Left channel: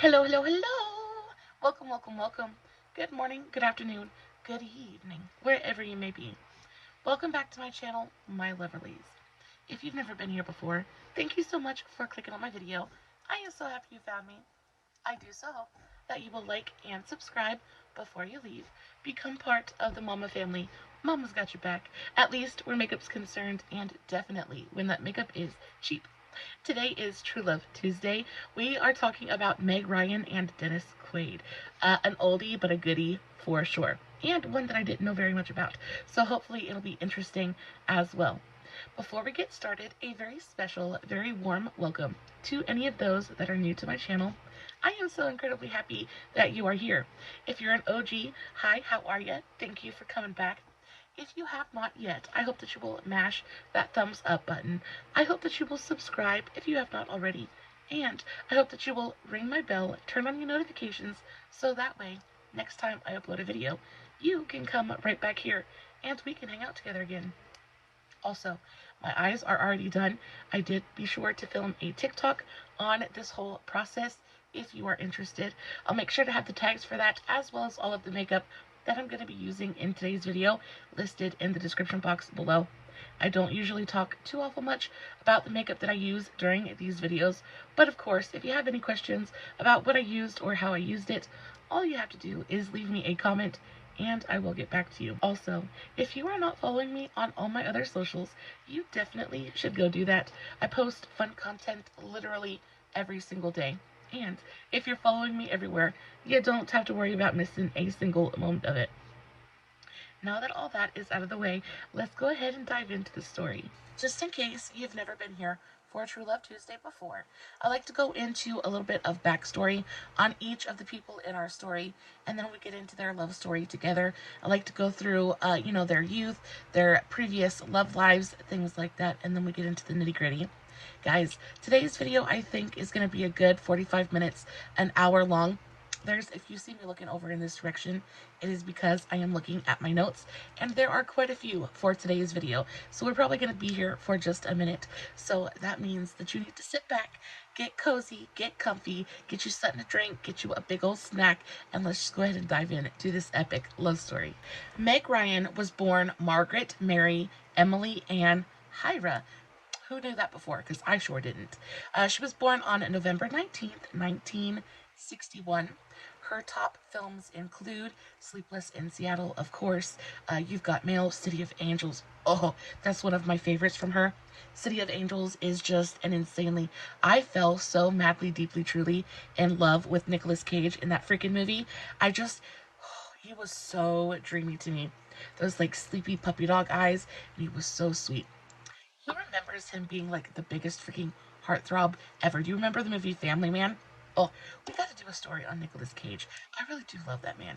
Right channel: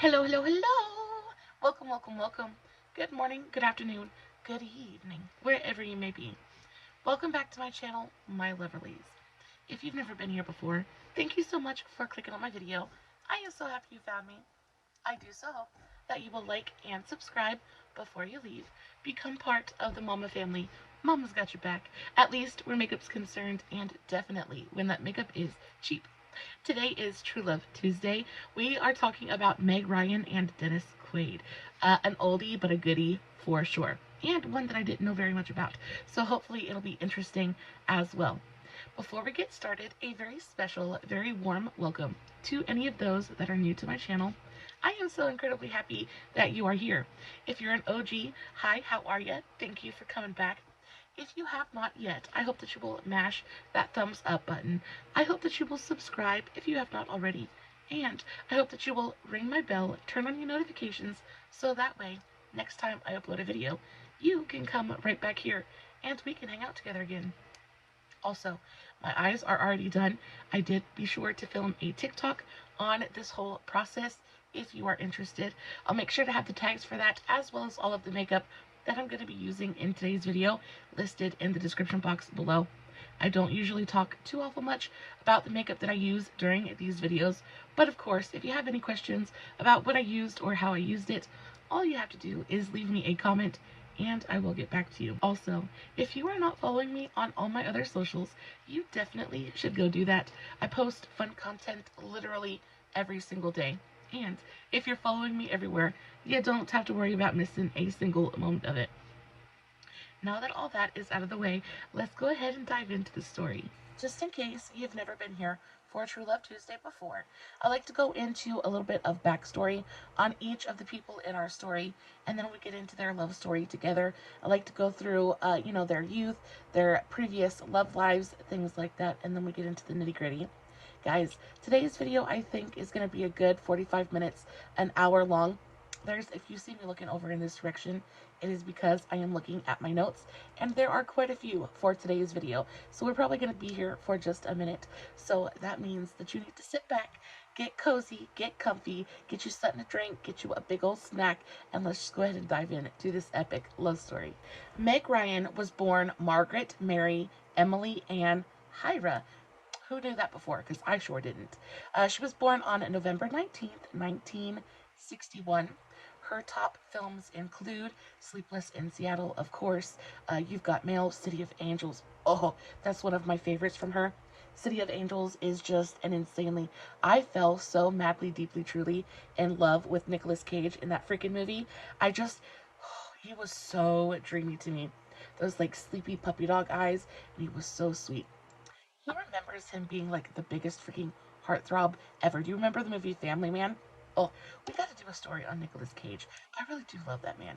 Hello, hello, hello! Welcome, welcome, welcome. Good morning, good afternoon, good evening, wherever you may be. Welcome back to my channel, my lovelies. If you've never been here before, thank you so much for clicking on my video. I am so happy you found me. I do so hope that you will like and subscribe before you leave. Become part of the Mama family. Mama's got your back, at least where makeup's concerned, and definitely when that makeup is cheap. Today is True Love Tuesday. We are talking about Meg Ryan and Dennis Quaid. An oldie but a goodie for sure, and one that I didn't know very much about. So hopefully it'll be interesting as well. Before we get started, a very special, very warm welcome to any of those that are new to my channel. I am so incredibly happy that you are here. If you're an OG, hi, how are you? Thank you for coming back. If you have not yet, I hope that you will mash that thumbs up button. I hope that you will subscribe if you have not already. And I hope that you will ring my bell, turn on your notifications, so that way, next time I upload a video, you can come right back here and we can hang out together again. Also, my eyes are already done. I did be sure to film a TikTok on this whole process if you are interested. I'll make sure to have the tags for that as well as all of the makeup that I'm going to be using in today's video listed in the description box below. I don't usually talk too awful much about the makeup that I use during these videos, but of course, if you have any questions about what I used or how I used it, all you have to do is leave me a comment and I will get back to you. Also, if you are not following me on all my other socials, you definitely should go do that. I post fun content literally every single day. And if you're following me everywhere, you don't have to worry about missing a single moment of it. Now that all that is out of the way, let's go ahead and dive into the story. Just in case you've never been here for True Love Tuesday before, I like to go into a little bit of backstory on each of the people in our story, and then we get into their love story together. I like to go through, their youth, their previous love lives, things like that, and then we get into the nitty-gritty. Guys, today's video I think is going to be a good 45 minutes, an hour long. If you see me looking over in this direction, it is because I am looking at my notes, and there are quite a few for today's video. So we're probably going to be here for just a minute. So that means that you need to sit back, get cozy, get comfy, get you something to drink, get you a big old snack, and let's just go ahead and dive in to this epic love story. Meg Ryan was born Margaret Mary Emily Ann Hyra. Who knew that before? Because I sure didn't. She was born on November 19th, 1961. Her top films include Sleepless in Seattle, of course. You've Got Mail, City of Angels. Oh, that's one of my favorites from her. City of Angels is just an insanely... I fell so madly, deeply, truly in love with Nicolas Cage in that freaking movie. He was so dreamy to me. Those, like, sleepy puppy dog eyes, and he was so sweet. He remembers him being like the biggest freaking heartthrob ever. Do you remember the movie Family Man? Oh, we got to do a story on Nicolas Cage. I really do love that man.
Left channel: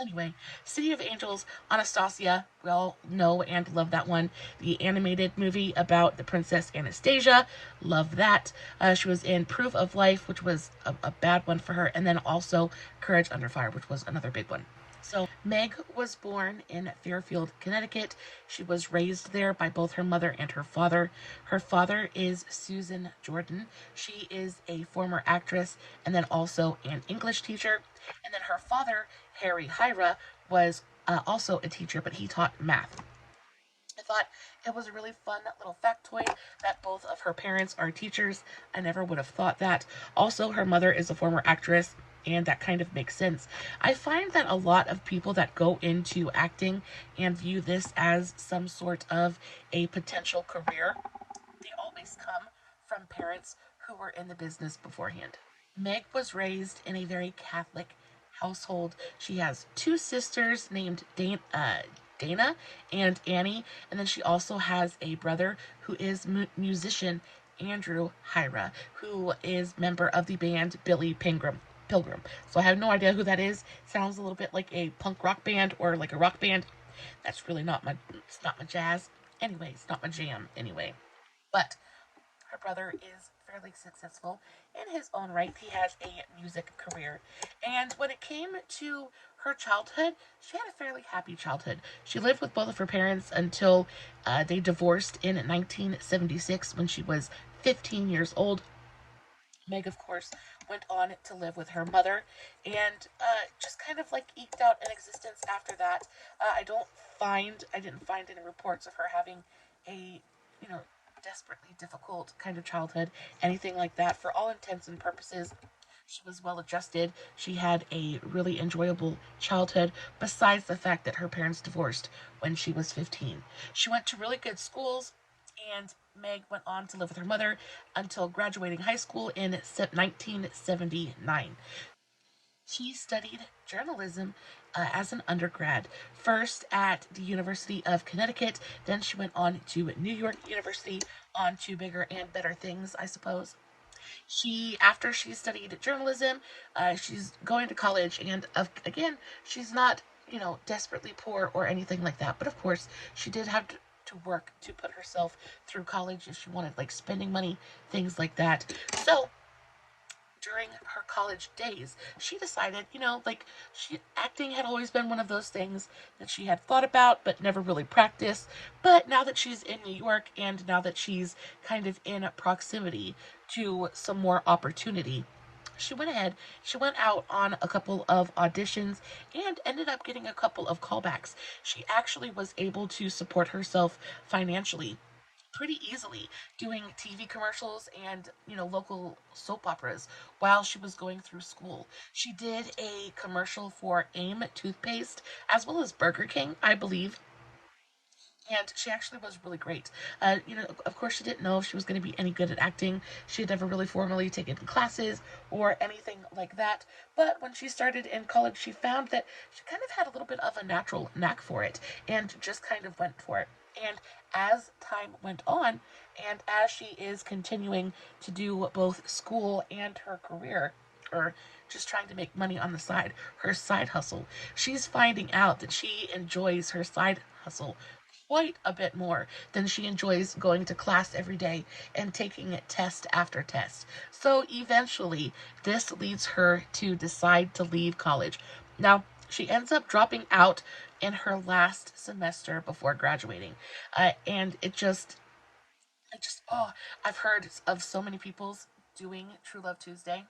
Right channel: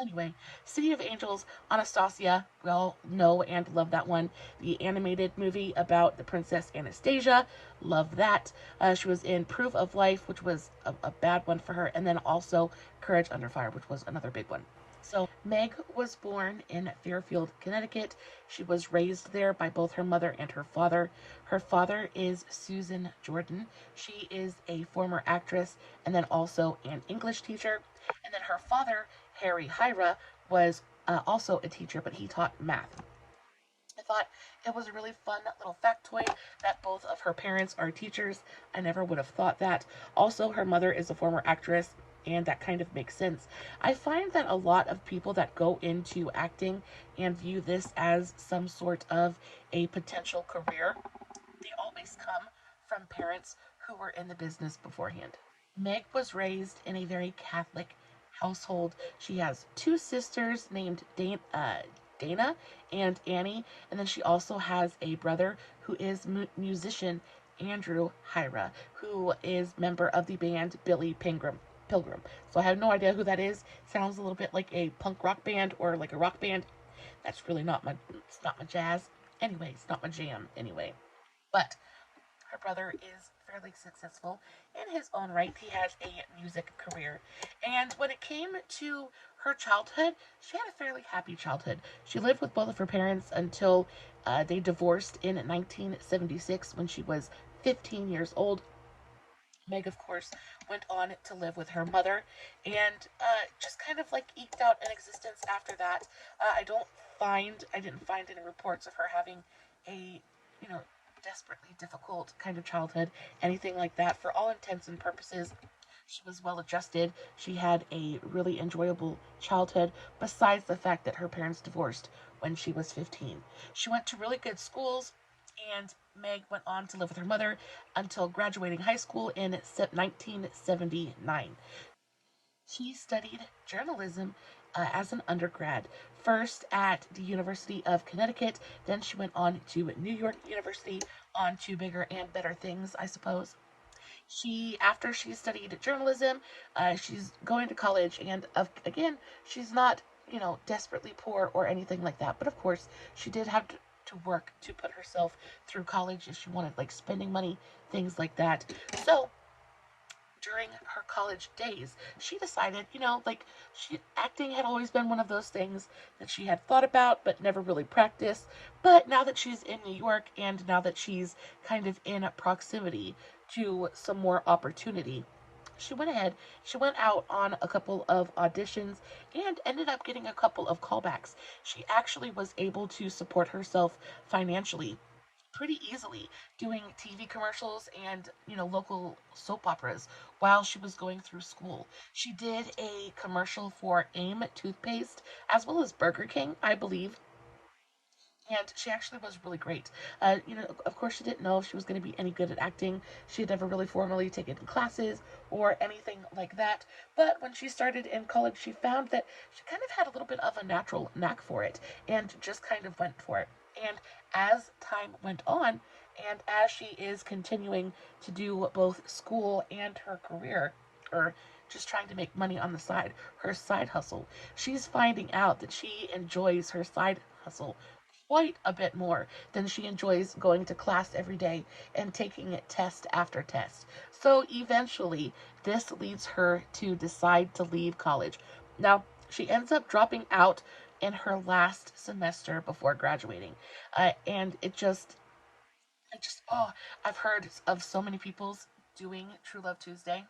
Anyway, City of Angels, Anastasia, we all know and love that one. The animated movie about the Princess Anastasia, love that. She was in Proof of Life, which was a bad one for her, and then also Courage Under Fire, which was another big one. So Meg was born in Fairfield, Connecticut. She was raised there by both her mother and her father. Her father is Susan Jordan. She is a former actress and then also an English teacher. And then her father, Harry Hyra, was also a teacher, but he taught math. I thought it was a really fun little factoid that both of her parents are teachers. I never would have thought that. Also, her mother is a former actress, and that kind of makes sense. I find that a lot of people that go into acting and view this as some sort of a potential career, they always come from parents who were in the business beforehand. Meg was raised in a very Catholic household. She has two sisters named Dana and Annie, and then she also has a brother who is musician Andrew Hyra, who is member of the band Billy Pilgrim. So I have no idea who that is. Sounds a little bit like a punk rock band or like a rock band. That's really it's not my jazz. Anyway, it's not my jam anyway. But her brother is fairly successful in his own right. He has a music career. And when it came to her childhood, she had a fairly happy childhood. She lived with both of her parents until they divorced in 1976 when she was 15 years old. Meg, of course, went on to live with her mother and just kind of like eked out an existence after that. I didn't find any reports of her having a, you know, desperately difficult kind of childhood, anything like that. For all intents and purposes, she was well adjusted. She had a really enjoyable childhood, besides the fact that her parents divorced when she was 15. She went to really good schools, and Meg went on to live with her mother until graduating high school in 1979. She studied journalism as an undergrad, first at the University of Connecticut, then she went on to New York University, on to bigger and better things, I suppose. After she studied journalism, she's going to college, and again, she's not, desperately poor or anything like that. But of course, she did have to work to put herself through college if she wanted, like, spending money, things like that. So during her college days, she decided, acting had always been one of those things that she had thought about but never really practiced. But now that she's in New York, and now that she's kind of in proximity to some more opportunity, she went ahead, she went out on a couple of auditions and ended up getting a couple of callbacks. She actually was able to support herself financially pretty easily, doing TV commercials and, local soap operas while she was going through school. She did a commercial for AIM toothpaste as well as Burger King, I believe. And she actually was really great. Of course, she didn't know if she was going to be any good at acting. She had never really formally taken classes or anything like that. But when she started in college, she found that she kind of had a little bit of a natural knack for it and just kind of went for it. And as time went on, and as she is continuing to do both school and her career, or just trying to make money on the side, her side hustle, she's finding out that she enjoys her side hustle quite a bit more than she enjoys going to class every day and taking it test after test. So eventually, this leads her to decide to leave college. Now, she ends up dropping out in her last semester before graduating. And I've heard of so many people's doing True Love Tuesday,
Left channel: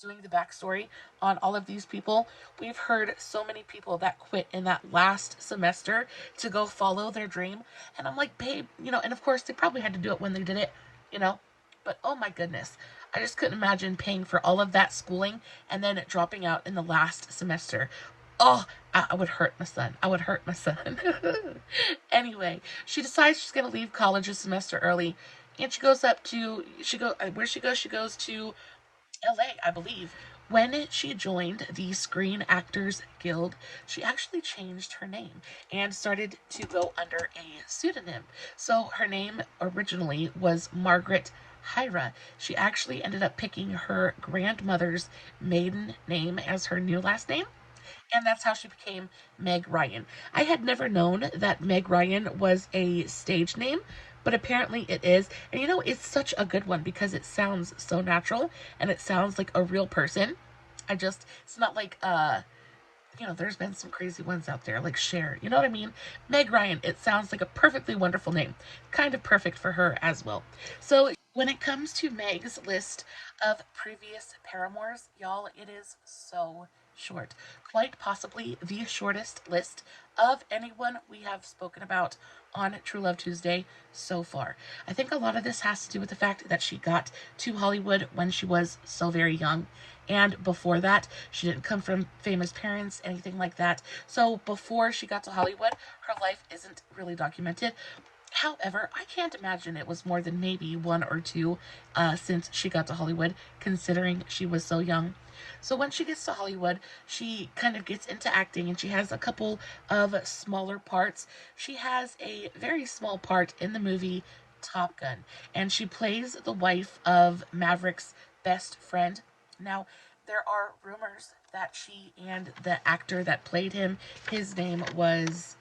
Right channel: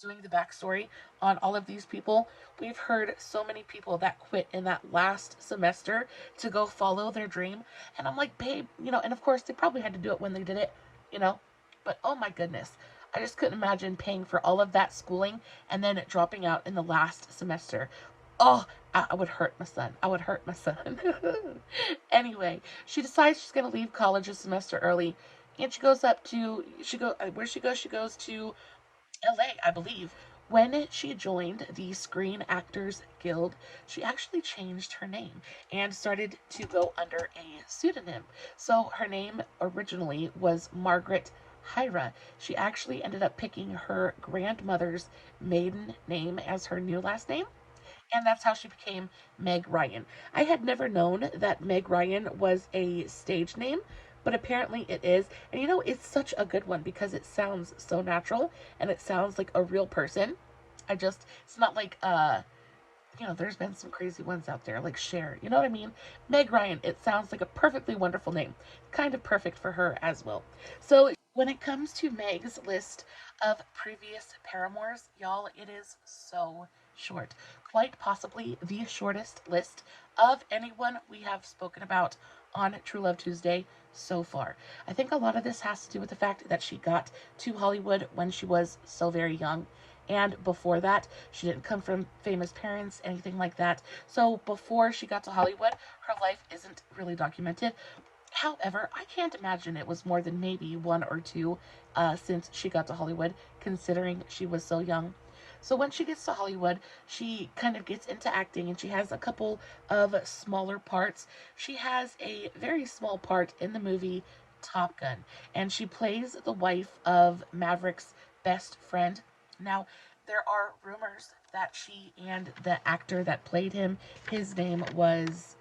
doing the backstory on all of these people. We've heard so many people that quit in that last semester to go follow their dream. And I'm like, babe, and of course they probably had to do it when they did it, but oh my goodness, I just couldn't imagine paying for all of that schooling and then dropping out in the last semester. Oh, I would hurt my son. I would hurt my son. Anyway, she decides she's going to leave college a semester early, and she goes to LA, I believe. When she joined the Screen Actors Guild, she actually changed her name and started to go under a pseudonym. So her name originally was Margaret Hyra. She actually ended up picking her grandmother's maiden name as her new last name, and that's how she became Meg Ryan. I had never known that Meg Ryan was a stage name, but apparently it is. And it's such a good one because it sounds so natural and it sounds like a real person. It's not like, there's been some crazy ones out there like Cher, you know what I mean? Meg Ryan, it sounds like a perfectly wonderful name. Kind of perfect for her as well. So when it comes to Meg's list of previous paramours, y'all, it is so short. Quite possibly the shortest list of anyone we have spoken about on True Love Tuesday so far. I think a lot of this has to do with the fact that she got to Hollywood when she was so very young. And before that, she didn't come from famous parents, anything like that. So before she got to Hollywood, her life isn't really documented. However, I can't imagine it was more than maybe one or two since she got to Hollywood, considering she was so young. So when she gets to Hollywood, she kind of gets into acting, and she has a couple of smaller parts. She has a very small part in the movie Top Gun, and she plays the wife of Maverick's best friend. Now, there are rumors that she and the actor that played him, his name was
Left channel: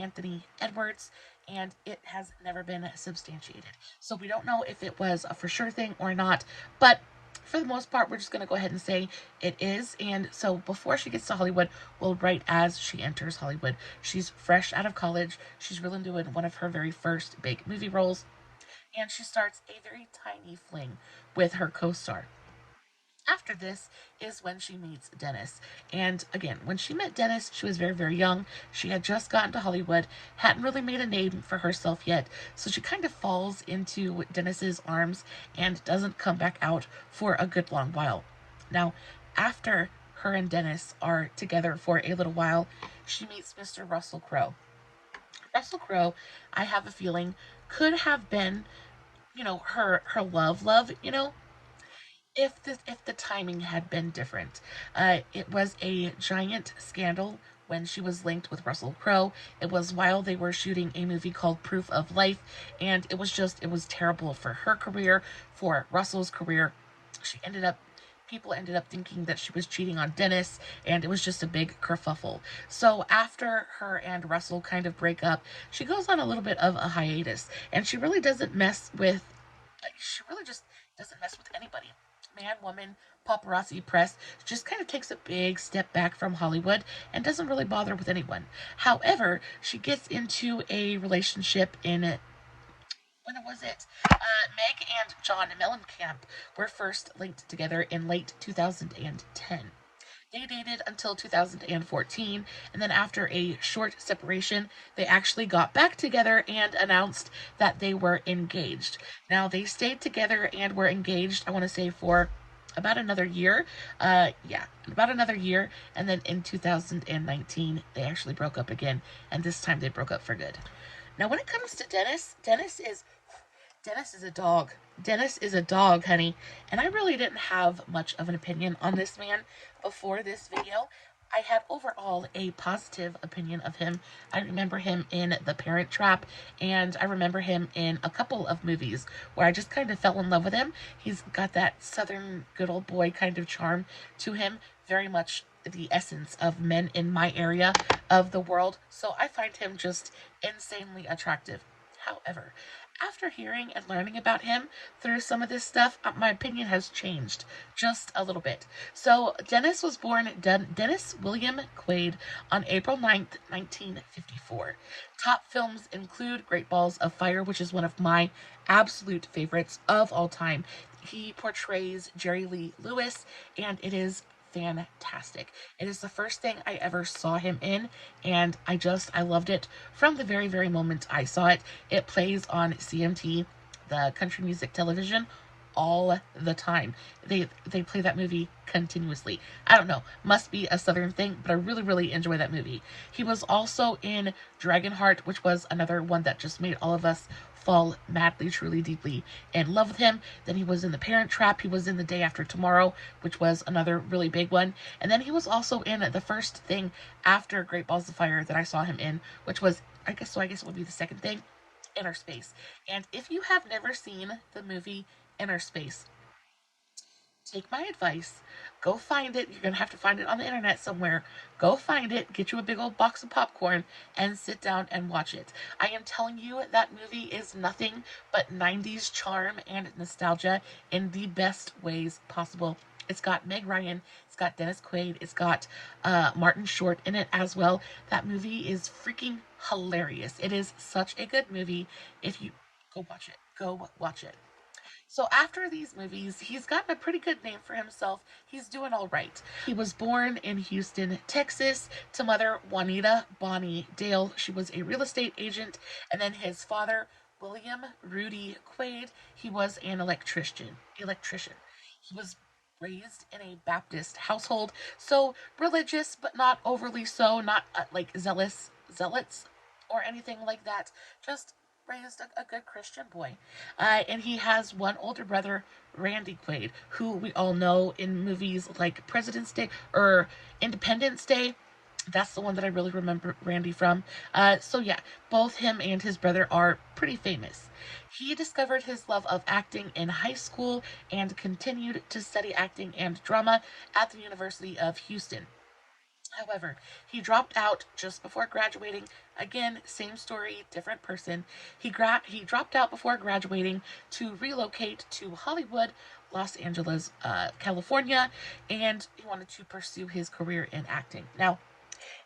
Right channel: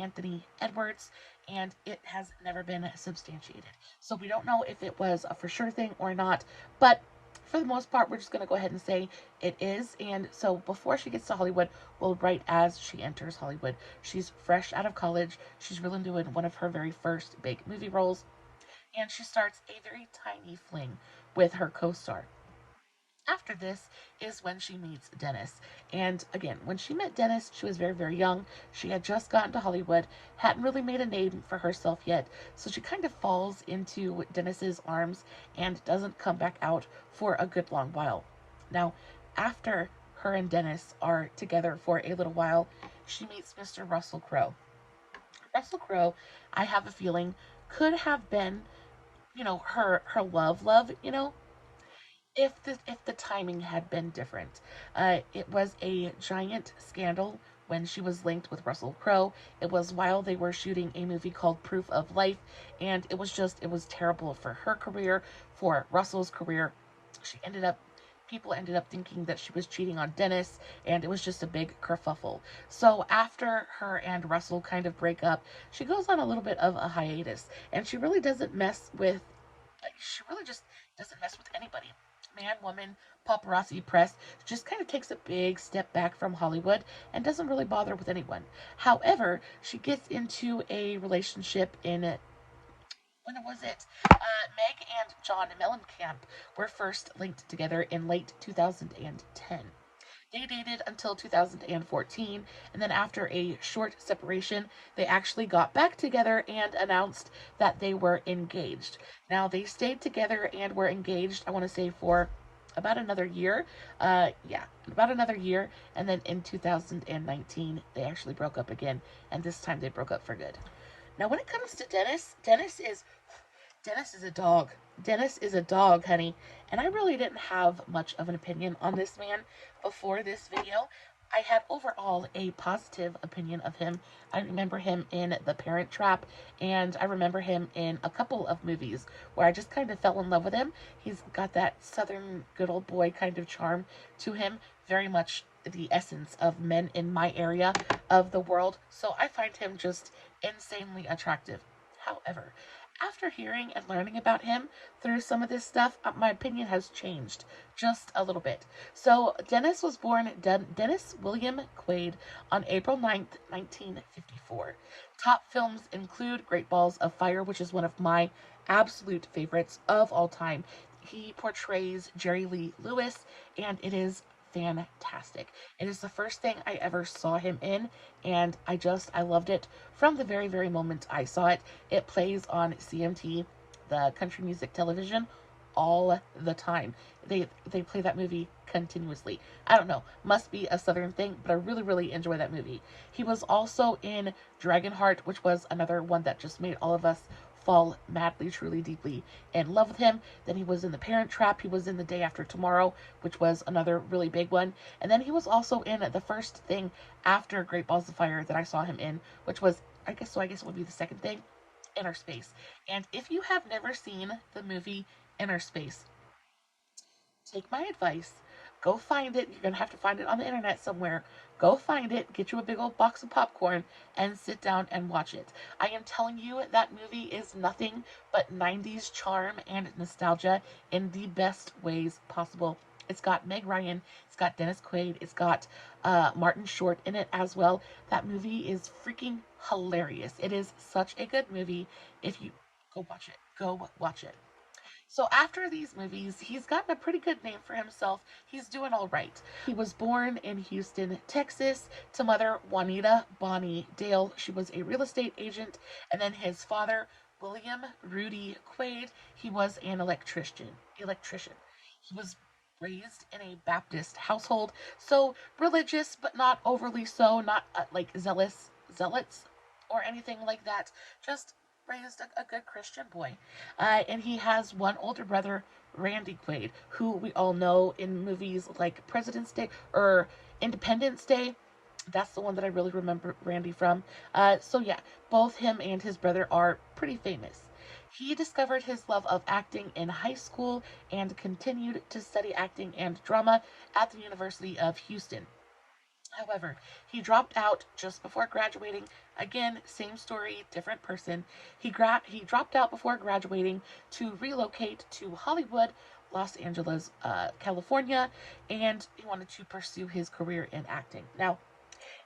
Anthony Edwards, and it has never been substantiated. So we don't know if it was a for sure thing or not, but for the most part, we're just going to go ahead and say it is. And so before she gets to Hollywood, well, right as she enters Hollywood, she's fresh out of college. She's really doing one of her very first big movie roles. and she starts a very tiny fling with her co-star. After this is when she meets Dennis. And again, when she met Dennis, she was very, very young. She had just gotten to Hollywood, hadn't really made a name for herself yet. So she kind of falls into Dennis's arms and doesn't come back out for a good long while. Now, after her and Dennis are together for a little while, she meets Mr. Russell Crowe. Russell Crowe, I have a feeling, could have been, her love, if the timing had been different. It was a giant scandal when she was linked with Russell Crowe. It was while they were shooting a movie called Proof of Life, and it was terrible for her career, for Russell's career. People ended up thinking that she was cheating on Dennis, and it was just a big kerfuffle. So after her and Russell kind of break up, she goes on a little bit of a hiatus, and she really just doesn't mess with anybody. Man, woman, paparazzi, press, just kind of takes a big step back from Hollywood and doesn't really bother with anyone. However, she gets into a relationship when was it? Meg and John Mellencamp were first linked together in late 2010. They dated until 2014, and then after a short separation, they actually got back together and announced that they were engaged. Now, they stayed together and were engaged, I want to say, for about another year. About another year, and then in 2019, they actually broke up again, and this time they broke up for good. Now, when it comes to Dennis, Dennis is a dog. Dennis is a dog, honey. And I really didn't have much of an opinion on this man before this video. I had overall a positive opinion of him. I remember him in The Parent Trap, and I remember him in a couple of movies where I just kind of fell in love with him. He's got that southern good old boy kind of charm to him, very much the essence of men in my area of the world. So I find him just insanely attractive. However, after hearing and learning about him through some of this stuff, my opinion has changed just a little bit. So Dennis was born Dennis William Quaid on April 9th, 1954. Top films include Great Balls of Fire, which is one of my absolute favorites of all time. He portrays Jerry Lee Lewis, and it is fantastic. It is the first thing I ever saw him in, and I loved it from the very, very moment I saw it. It plays on CMT, the country music television, all the time. They play that movie continuously. I don't know, must be a southern thing, but I really, really enjoy that movie. He was also in Dragonheart, which was another one that just made all of us fall madly, truly, deeply in love with him. Then he was in The Parent Trap. He was in The Day After Tomorrow, which was another really big one. And then he was also in the first thing after Great Balls of Fire that I saw him in, which was, I guess it would be the second thing, Inner Space. And if you have never seen the movie Inner Space, take my advice. Go find it. You're going to have to find it on the internet somewhere. Go find it, get you a big old box of popcorn, and sit down and watch it. I am telling you, that movie is nothing but 90s charm and nostalgia in the best ways possible. It's got Meg Ryan, it's got Dennis Quaid, it's got Martin Short in it as well. That movie is freaking hilarious. It is such a good movie. If you go watch it. So after these movies, he's gotten a pretty good name for himself. He's doing all right. He was born in Houston, Texas, to mother Juanita Bonnie Dale. She was a real estate agent. And then his father, William Rudy Quaid, he was an electrician. He was raised in a Baptist household, so religious, but not overly so, not like zealots or anything like that. Just raised a good Christian boy. And he has one older brother, Randy Quaid, who we all know in movies like President's Day or Independence Day. That's the one that I really remember Randy from. So yeah, both him and his brother are pretty famous. He discovered his love of acting in high school and continued to study acting and drama at the University of Houston. However, he dropped out just before graduating. Again, same story, different person. He dropped out before graduating to relocate to Hollywood, Los Angeles, California, and he wanted to pursue his career in acting. Now,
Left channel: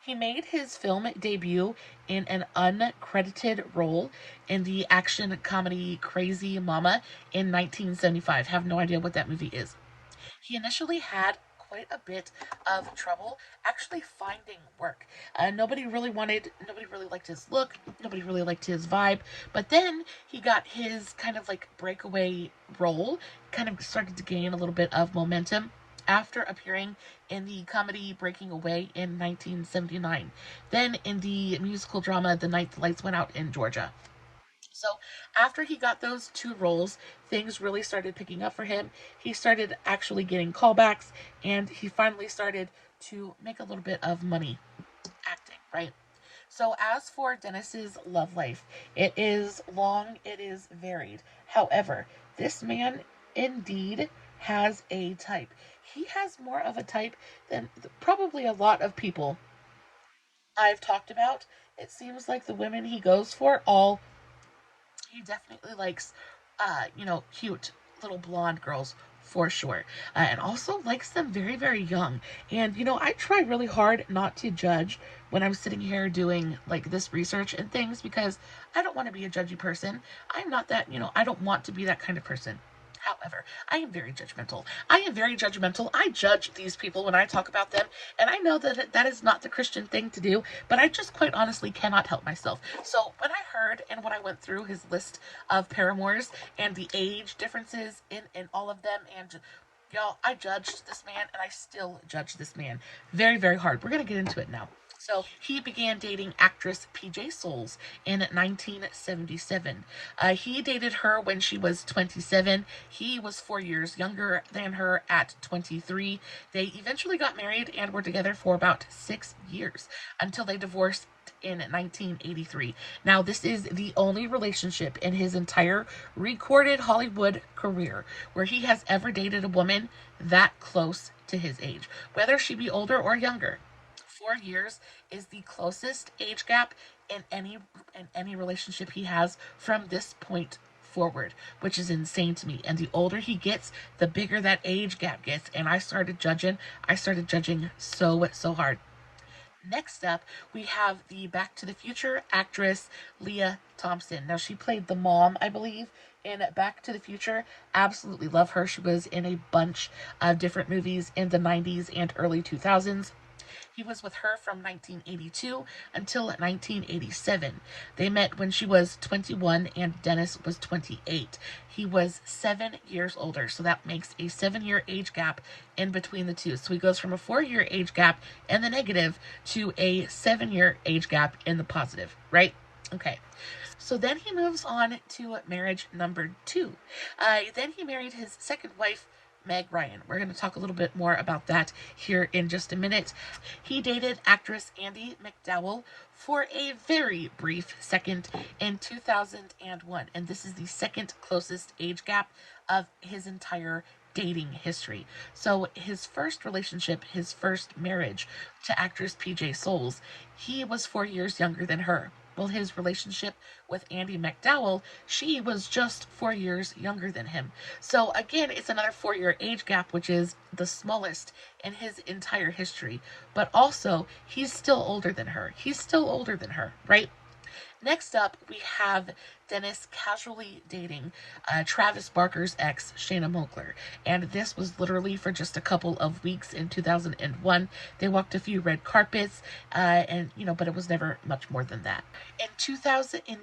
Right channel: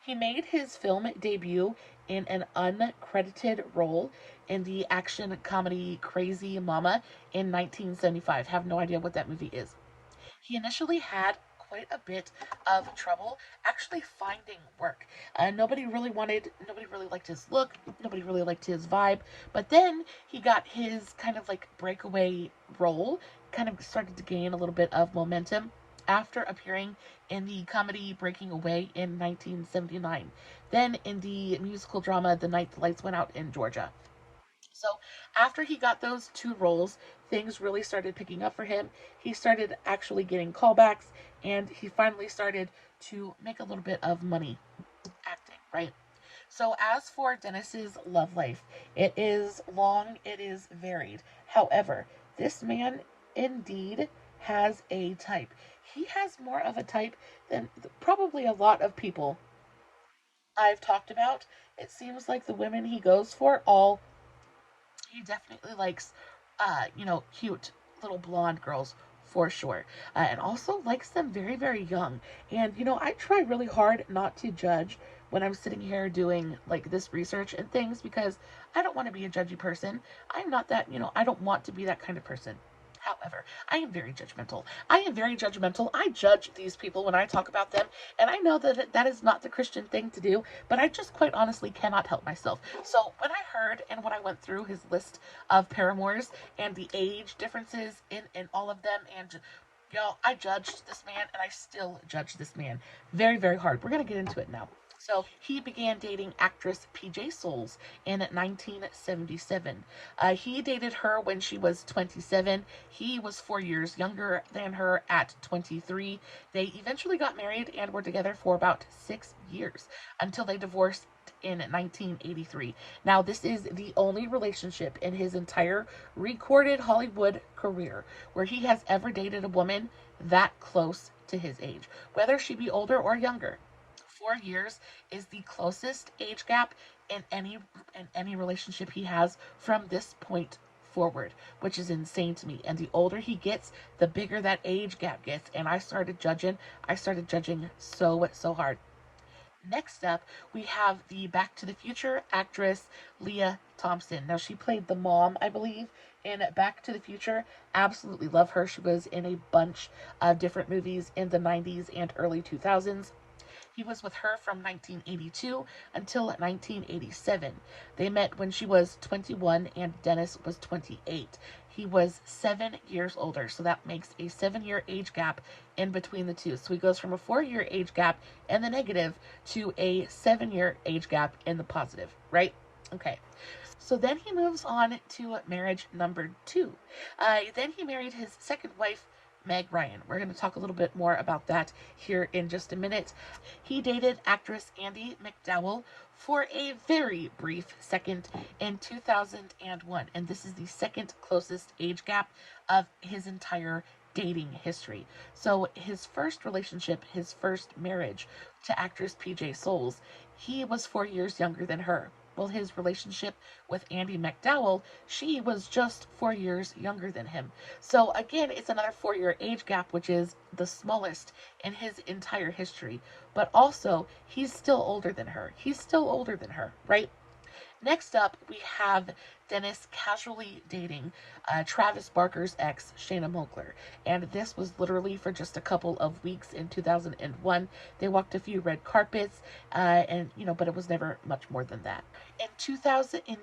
He made his film debut in an uncredited role in the action comedy Crazy Mama in 1975. Have no idea what that movie is. He initially had quite a bit of trouble actually finding work. Nobody really liked his look, nobody really liked his vibe, but then he got his kind of like breakaway role, kind of started to gain a little bit of momentum after appearing in the comedy Breaking Away in 1979, then in the musical drama The Night the Lights Went Out in Georgia. So after he got those two roles, things really started picking up for him. He started actually getting callbacks, and he finally started to make a little bit of money acting, right? So as for Dennis's love life, it is long, it is varied. However, this man indeed has a type. He has more of a type than probably a lot of people I've talked about. It seems like the women he goes for all he definitely likes, cute little blonde girls for sure. And also likes them very, very young. And, I try really hard not to judge when I'm sitting here doing like this research and things because I don't want to be a judgy person. I'm not that, I don't want to be that kind of person. However, I am very judgmental. I am very judgmental. I judge these people when I talk about them, and I know that that is not the Christian thing to do, but I just quite honestly cannot help myself. So when I heard and when I went through his list of paramours and the age differences in all of them, and y'all, I judged this man, and I still judge this man very, very hard. We're going to get into it now. So he began dating actress PJ Souls in 1977. He dated her when she was 27. He was 4 years younger than her at 23. They eventually got married and were together for about 6 years until they divorced in 1983. Now, this is the only relationship in his entire recorded Hollywood career where he has ever dated a woman that close to his age, whether she be older or younger. 4 years is the closest age gap in any relationship he has from this point forward, which is insane to me. And the older he gets, the bigger that age gap gets. And I started judging so hard. Next up, we have the Back to the Future actress Leah Thompson. Now, she played the mom, I believe, in Back to the Future. Absolutely love her. She was in a bunch of different movies in the 90s and early 2000s. He was with her from 1982 until 1987. They met when she was 21 and Dennis was 28. He was 7 years older, so that makes a 7-year age gap in between the two. So he goes from a 4-year age gap in the negative to a 7-year age gap in the positive, right? Okay. So then he moves on to marriage number 2. Then he married his second wife, Meg Ryan. We're going to talk a little bit more about that here in just a minute. He dated actress Andie MacDowell for a very brief second in 2001, and this is the second closest age gap of his entire dating history. So his first relationship, his first marriage to actress PJ Souls, he was 4 years younger than her. Well, his relationship with Andie MacDowell, she was just 4 years younger than him. So again, it's another 4-year age gap, which is the smallest in his entire history. But also, he's still older than her. Right? Next up, we have Dennis casually dating Travis Barker's ex, Shayna Moakler. And this was literally for just a couple of weeks in 2001. They walked a few red carpets, but it was never much more than that. In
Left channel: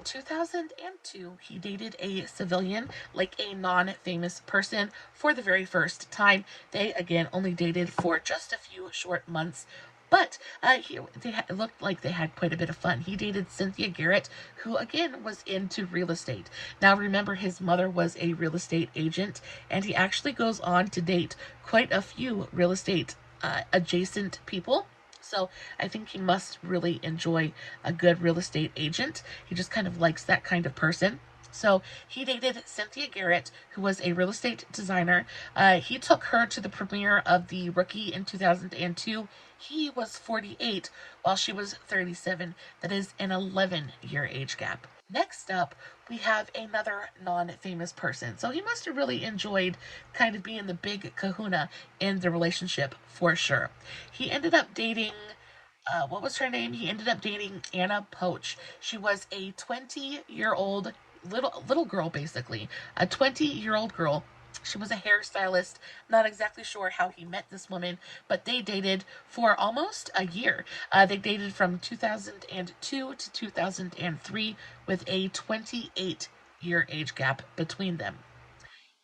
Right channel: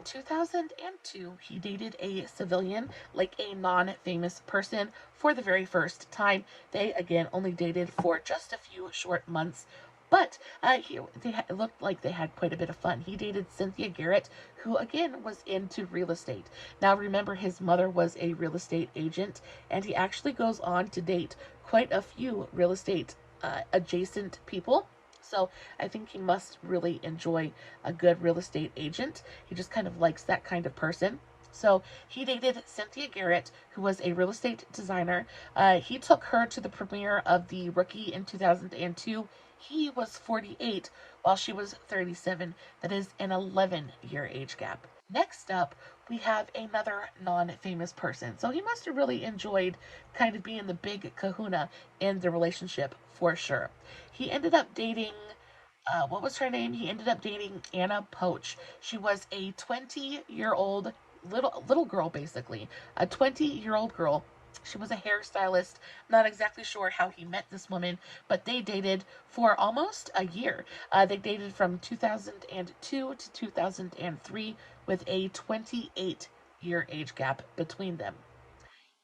2002, he dated a civilian, like a non-famous person, for the very first time. They, again, only dated for just a few short months. But it looked like they had quite a bit of fun. He dated Cynthia Garrett, who again was into real estate. Now remember, his mother was a real estate agent, and he actually goes on to date quite a few real estate adjacent people. So I think he must really enjoy a good real estate agent. He just kind of likes that kind of person. So he dated Cynthia Garrett, who was a real estate designer. He took her to the premiere of The Rookie in 2002. He was 48 while she was 37. That is an 11-year age gap. Next up, we have another non-famous person. So he must have really enjoyed kind of being the big kahuna in the relationship for sure. He ended up dating what was her name? He ended up dating Anna Poach. She was a 20-year-old little girl, basically. A 20-year-old girl. She was a hairstylist. Not exactly sure how he met this woman, but they dated for almost a year. They dated from 2002 to 2003 with a 28-year age gap between them.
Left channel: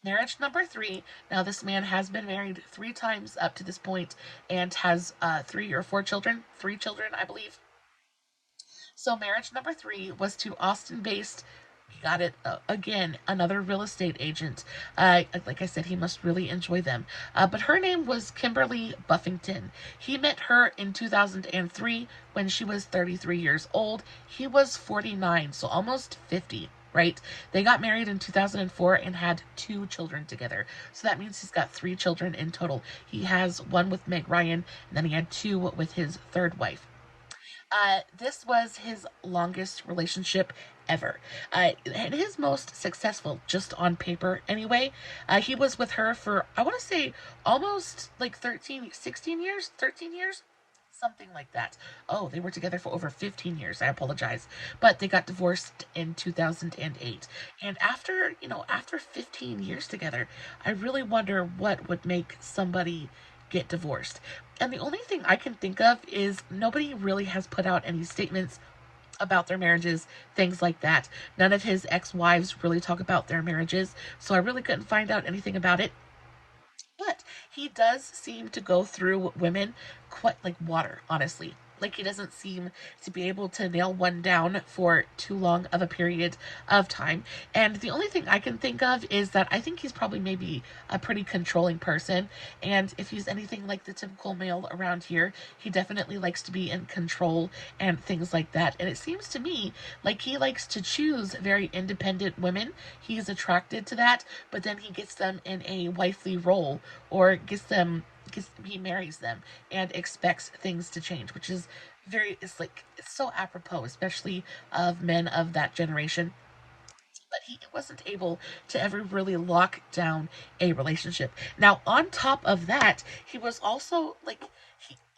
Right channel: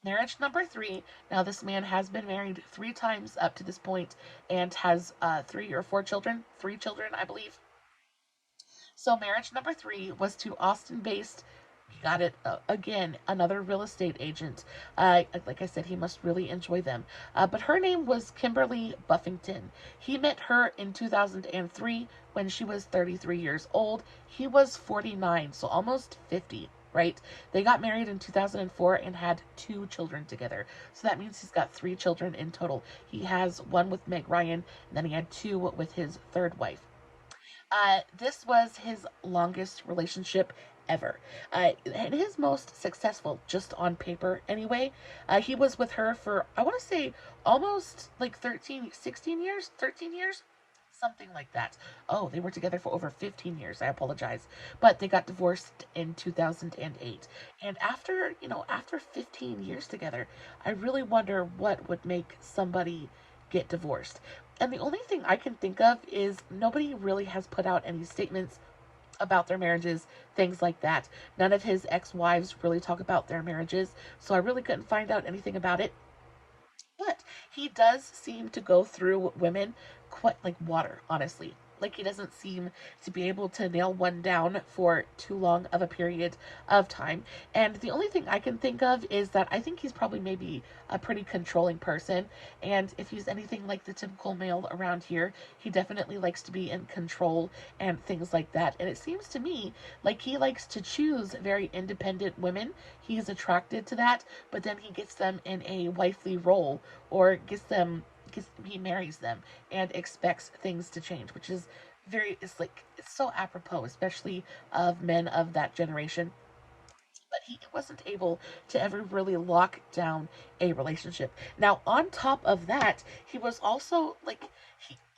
Marriage number three. Now, this man has been married 3 times up to this point and has 3 or 4 children. 3 children, I believe. So, marriage number three was to Austin based, got it, again, another real estate agent. Like I said, he must really enjoy them. But her name was Kimberly Buffington. He met her in 2003 when she was 33 years old. He was 49, so almost 50. Right? They got married in 2004 and had 2 children together. So that means he's got 3 children in total. He has one with Meg Ryan, and then he had 2 with his third wife. This was his longest relationship ever, and his most successful, just on paper anyway. He was with her for, I want to say, almost like 16 years, 13 years, something like that. Oh, they were together for over 15 years. I apologize. But they got divorced in 2008. And after 15 years together, I really wonder what would make somebody get divorced. And the only thing I can think of is nobody really has put out any statements about their marriages, things like that. None of his ex-wives really talk about their marriages, so I really couldn't find out anything about it. But he does seem to go through women quite like water, honestly. Like, he doesn't seem to be able to nail one down for too long of a period of time. And the only thing I can think of is that I think he's probably maybe a pretty controlling person. And if he's anything like the typical male around here, he definitely likes to be in control and things like that. And it seems to me like he likes to choose very independent women. He is attracted to that, but then he gets them in a wifely role, or he marries them and expects things to change, which is it's so apropos, especially of men of that generation. But he wasn't able to ever really lock down a relationship. Now, on top of that, he was also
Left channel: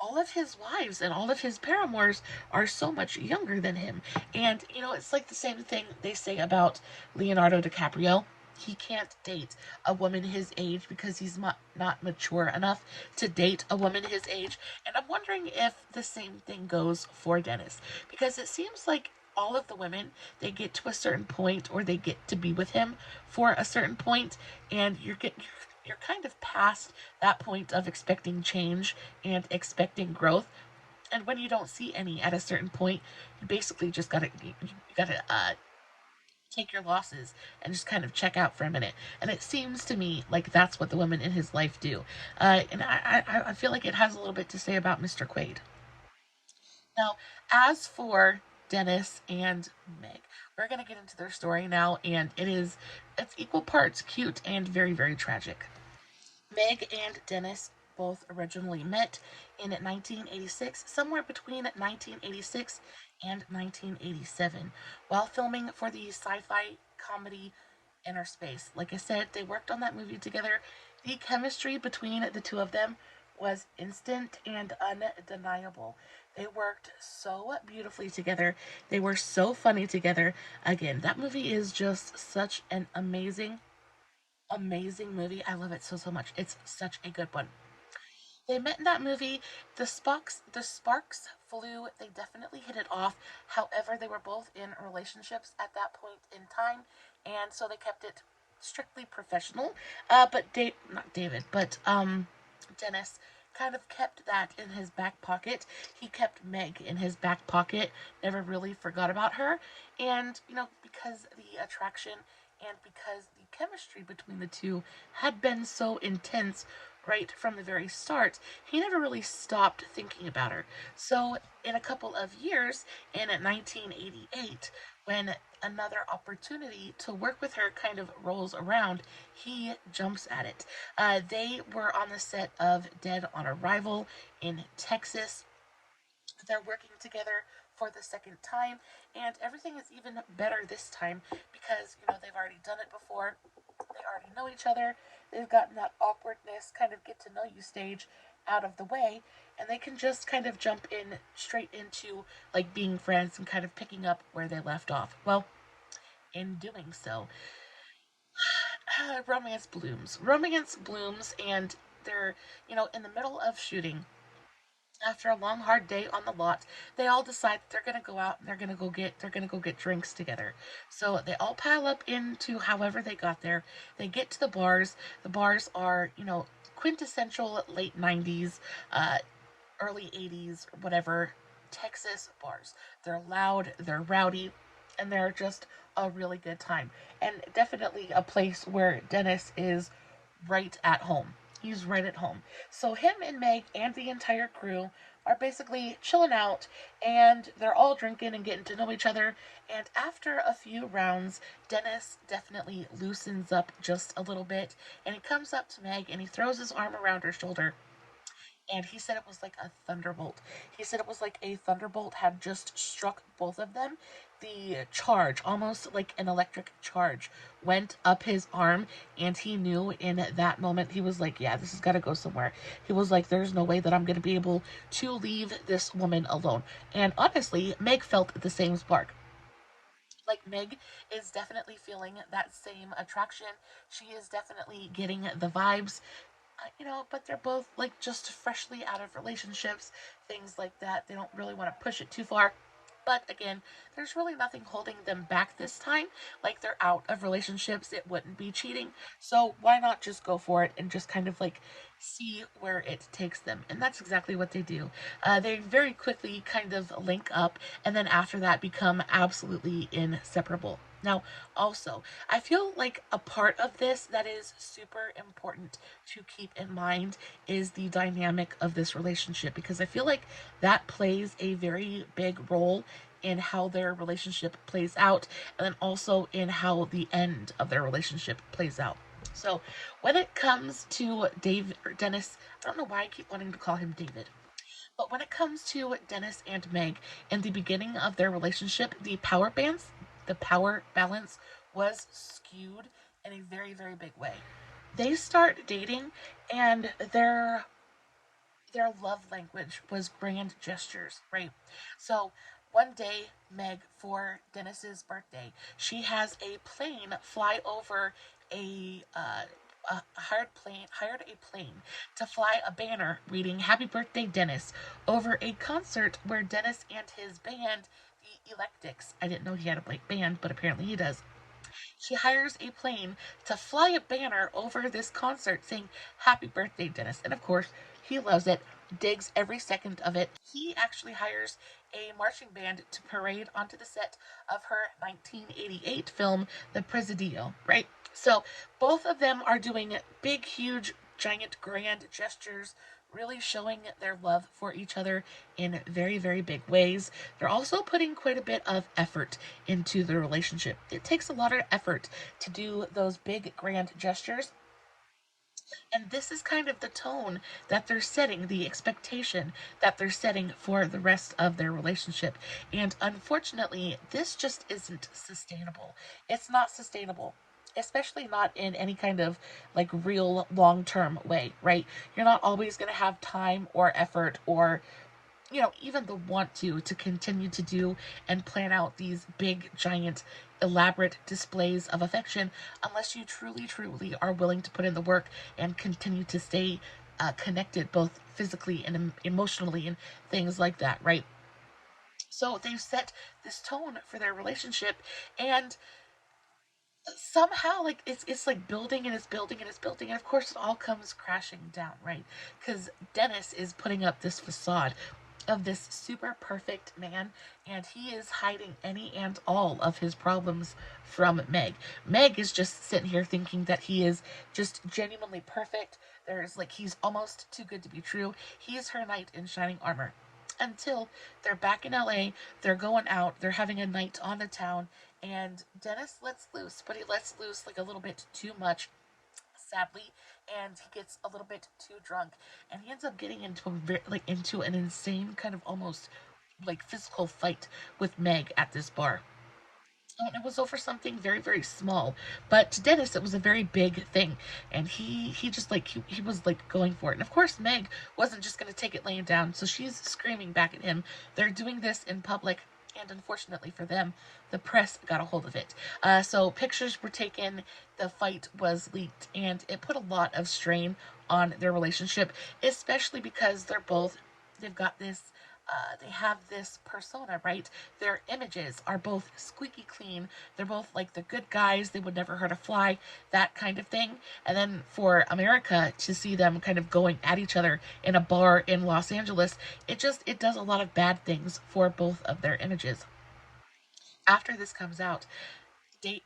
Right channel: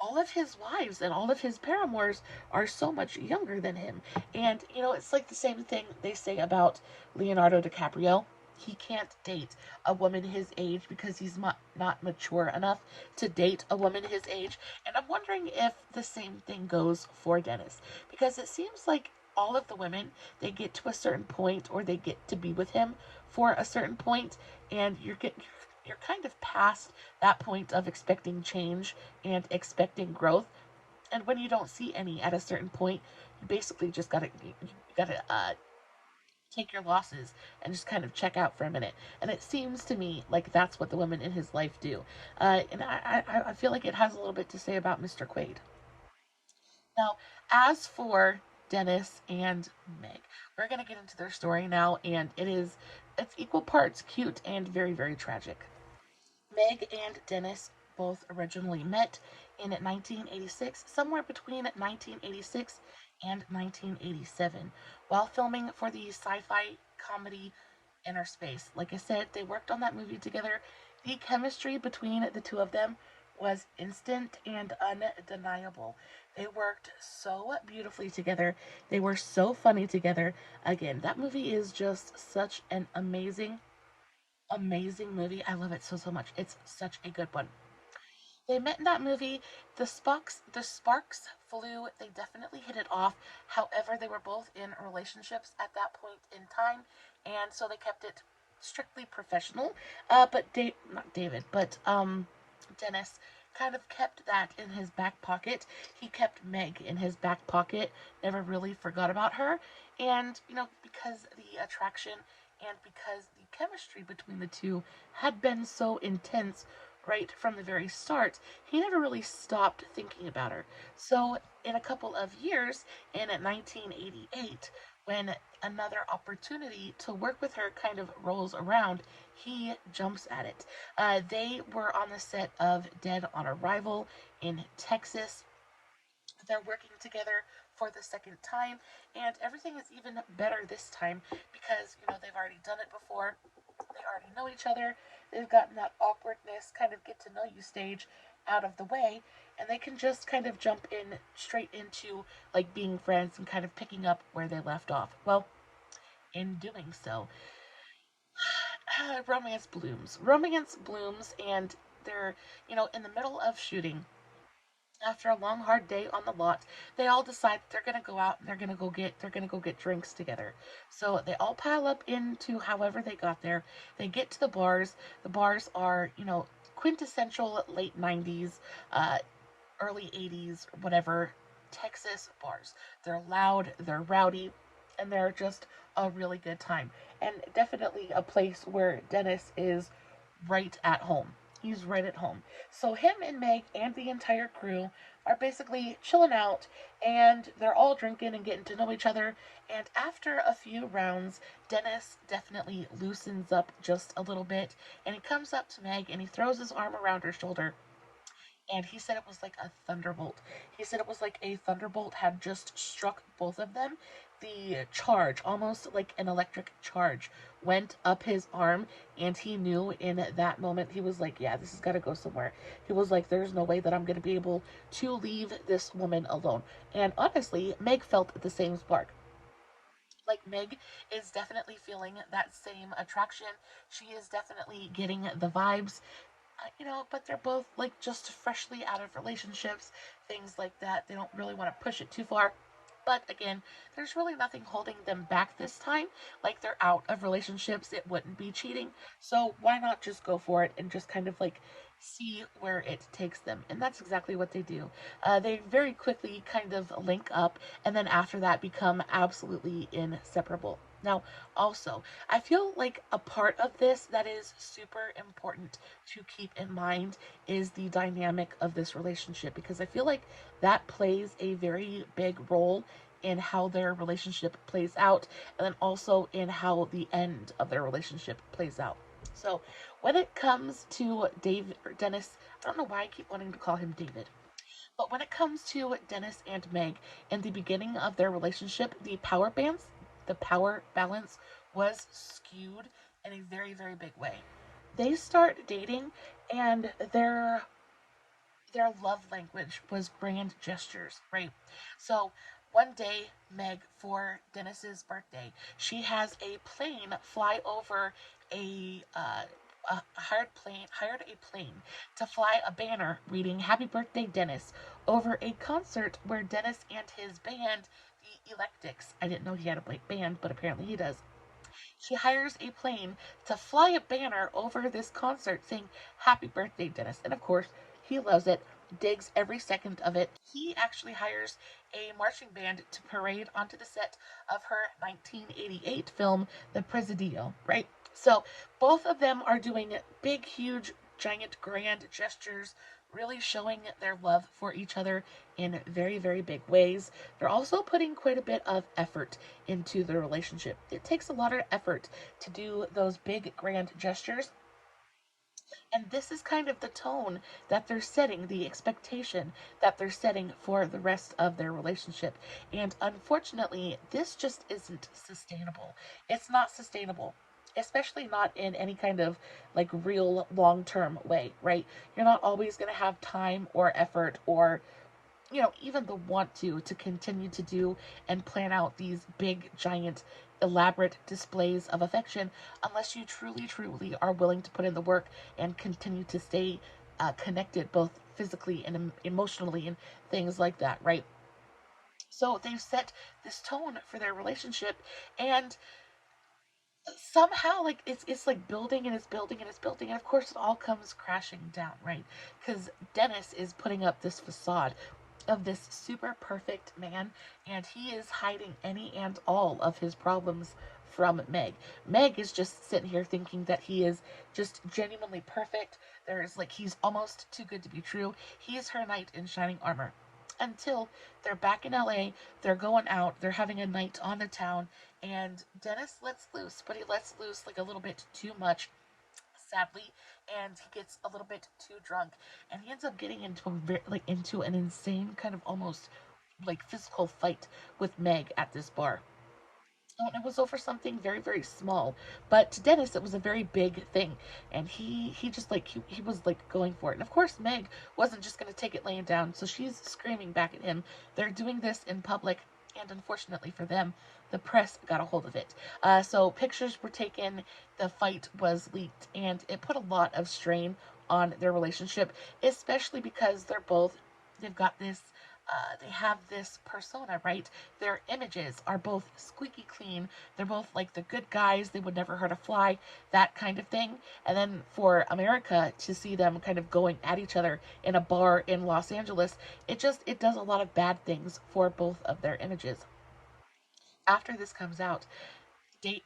all of his wives and all of his paramours are so much younger than him. And, it's like the same thing they say about Leonardo DiCaprio. He can't date a woman his age because he's not mature enough to date a woman his age. And I'm wondering if the same thing goes for Dennis, because it seems like all of the women, they get to a certain point, or they get to be with him for a certain point, and you're kind of past that point of expecting change and expecting growth. And when you don't see any at a certain point, you basically just gotta take your losses and just kind of check out for a minute. And it seems to me like that's what the women in his life do. And I feel like it has a little bit to say about Mr. Quaid. Now, as for Dennis and Meg, we're going to get into their story now, and it's equal parts cute and very, very tragic. Meg and Dennis both originally met in 1986, somewhere between 1986 and 1987, while filming for the sci-fi comedy Inner Space. Like I said, they worked on that movie together. The chemistry between the two of them was instant and undeniable. They worked so beautifully together. They were so funny together. Again, that movie is just such an amazing movie. I love it so much. It's such a good one. They met in that movie. The sparks flew. They definitely hit it off. However, they were both in relationships at that point in time, and so they kept it strictly professional. But not David, but Dennis kind of kept that in his back pocket. He kept Meg in his back pocket. Never really forgot about her, and because the attraction and because the chemistry between the two had been so intense right from the very start, he never really stopped thinking about her. So, in a couple of years, in 1988, when another opportunity to work with her kind of rolls around, he jumps at it. They were on the set of Dead on Arrival in Texas. They're working together for the second time, and everything is even better this time because they've already done it before. They already know each other. They've gotten that awkwardness, kind of get to know you stage out of the way, and they can just kind of jump in straight into like being friends and kind of picking up where they left off. Well, in doing so, romance blooms. Romance blooms, and they're, in the middle of shooting. After a long hard day on the lot, they all decide they're gonna go out and they're gonna go get drinks together. So they all pile up into however they got there. They get to the bars. The bars are, quintessential late 90s, early 80s, whatever, Texas bars. They're loud, they're rowdy, and they're just a really good time. And definitely a place where Dennis is right at home. He's right at home. So him and Meg and the entire crew are basically chilling out, and they're all drinking and getting to know each other. And after a few rounds, Dennis definitely loosens up just a little bit, and he comes up to Meg and he throws his arm around her shoulder, and he said it was like a thunderbolt. He said it was like a thunderbolt had just struck both of them. The charge, almost like an electric charge, went up his arm, and he knew in that moment, he was like, yeah, this has got to go somewhere. He was like, there's no way that I'm going to be able to leave this woman alone. And honestly, Meg felt the same spark. Like, Meg is definitely feeling that same attraction. She is definitely getting the vibes, but they're both like just freshly out of relationships, things like that. They don't really want to push it too far. But again, there's really nothing holding them back this time. Like, they're out of relationships, it wouldn't be cheating. So why not just go for it and just kind of like see where it takes them? And that's exactly what they do. They very quickly kind of link up, and then after that become absolutely inseparable. Now, also, I feel like a part of this that is super important to keep in mind is the dynamic of this relationship, because I feel like that plays a very big role in how their relationship plays out, and then also in how the end of their relationship plays out. So, when it comes to Dave or Dennis, I don't know why I keep wanting to call him David. But when it comes to Dennis and Meg, in the beginning of their relationship, the power balance was skewed in a very, very big way. They start dating, and their love language was grand gestures, right? So one day, Meg, for Dennis's birthday, she has a plane fly over hired a plane to fly a banner reading "Happy Birthday, Dennis" over a concert where Dennis and his band, the Electics. I didn't know he had a band, but apparently he does. She hires a plane to fly a banner over this concert saying "Happy Birthday, Dennis." And of course, he loves it, digs every second of it. He actually hires a marching band to parade onto the set of her 1988 film, The Presidio, right? So both of them are doing big, huge, giant, grand gestures, really showing their love for each other in very, very big ways. They're also putting quite a bit of effort into the relationship. It takes a lot of effort to do those big, grand gestures. And this is kind of the tone that they're setting, the expectation that they're setting for the rest of their relationship. And unfortunately, this just isn't sustainable. It's not sustainable, especially not in any kind of like real long term way, right? You're not always going to have time or effort or even the want to continue to do and plan out these big, giant, elaborate displays of affection unless you truly, truly are willing to put in the work and continue to stay connected both physically and emotionally and things like that, right? So they've set this tone for their relationship, and somehow like it's like building and it's building and it's building, and of course it all comes crashing down, right? Because Dennis is putting up this facade of this super perfect man, and he is hiding any and all of his problems from Meg. Meg is just sitting here thinking that he is just genuinely perfect. There's like, he's almost too good to be true. He's her knight in shining armor. Until they're back in LA, they're going out, they're having a night on the town, and Dennis lets loose, but he lets loose like a little bit too much, sadly, and he gets a little bit too drunk, and he ends up getting into into an insane kind of almost like physical fight with Meg at this bar. Oh, and it was over something very, very small. But to Dennis, it was a very big thing. And he just like, he was like going for it. And of course, Meg wasn't just going to take it laying down. So she's screaming back at him. They're doing this in public. And unfortunately for them, the press got a hold of it. So pictures were taken. The fight was leaked. And it put a lot of strain on their relationship, especially because they've got this they have this persona, right? Their images are both squeaky clean. They're both like the good guys. They would never hurt a fly, that kind of thing. And then for America to see them kind of going at each other in a bar in Los Angeles, it does a lot of bad things for both of their images. After this comes out,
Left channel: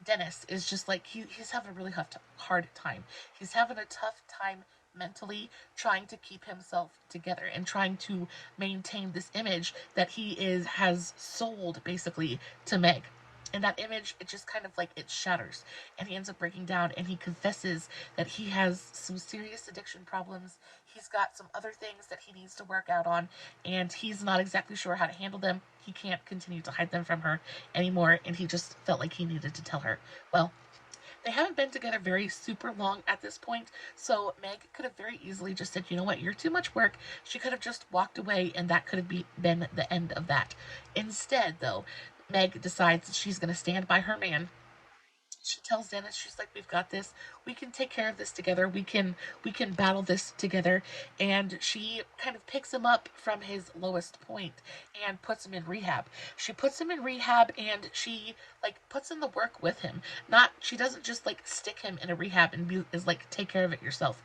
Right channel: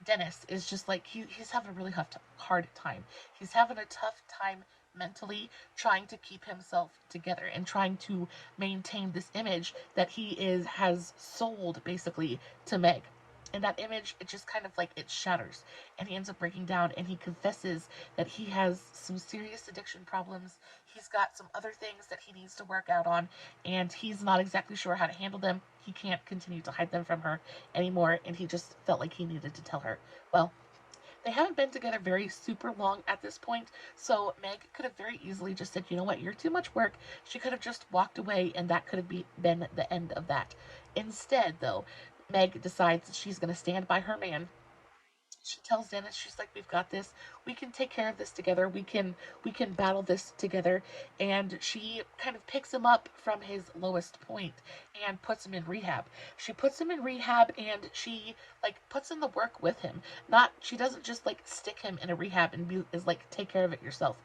Dennis is just like he's having a really hard time. He's having a tough time mentally trying to keep himself together and trying to maintain this image that he is has sold basically to Meg. And that image, it just kind of like it shatters and he ends up breaking down and he confesses that he has some serious addiction problems. He's got some other things that he needs to work out on and he's not exactly sure how to handle them. He can't continue to hide them from her anymore and he just felt like he needed to tell her. Well, they haven't been together very super long at this point, so Meg could have very easily just said, you know what, you're too much work. She could have just walked away, and that could have been the end of that. Instead, though, Meg decides that she's going to stand by her man. She tells Dennis, she's like, we've got this. We can take care of this together. We can battle this together. And she kind of picks him up from his lowest point and puts him in rehab. She puts him in rehab and she like puts in the work with him. Not she doesn't just like stick him in a rehab and is like take care of it yourself.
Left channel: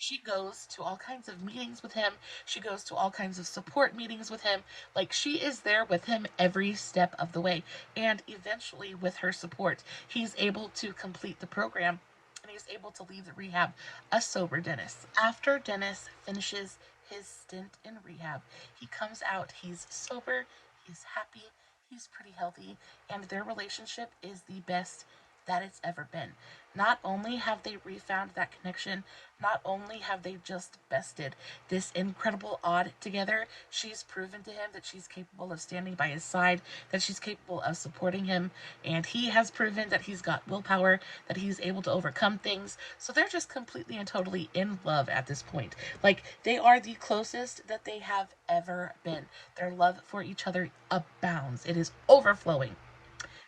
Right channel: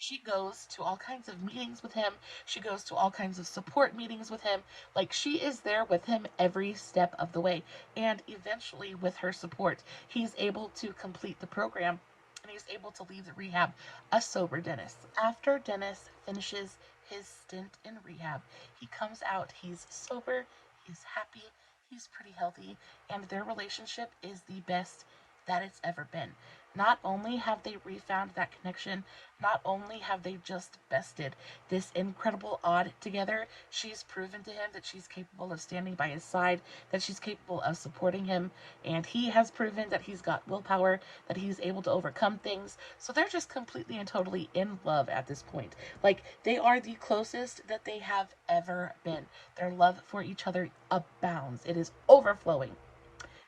She goes to all kinds of meetings with him. She goes to all kinds of support meetings with him. Like, she is there with him every step of the way. And eventually, with her support, he's able to complete the program and he's able to leave the rehab a sober Dennis. After Dennis finishes his stint in rehab, he comes out, he's sober, he's happy, he's pretty healthy, and their relationship is the best that it's ever been. Not only have they refound that connection, not only have they just bested this incredible odd together, she's proven to him that she's capable of standing by his side, that she's capable of supporting him, and he has proven that he's got willpower, that he's able to overcome things. So they're just completely and totally in love at this point. Like, they are the closest that they have ever been. Their love for each other abounds. It is overflowing.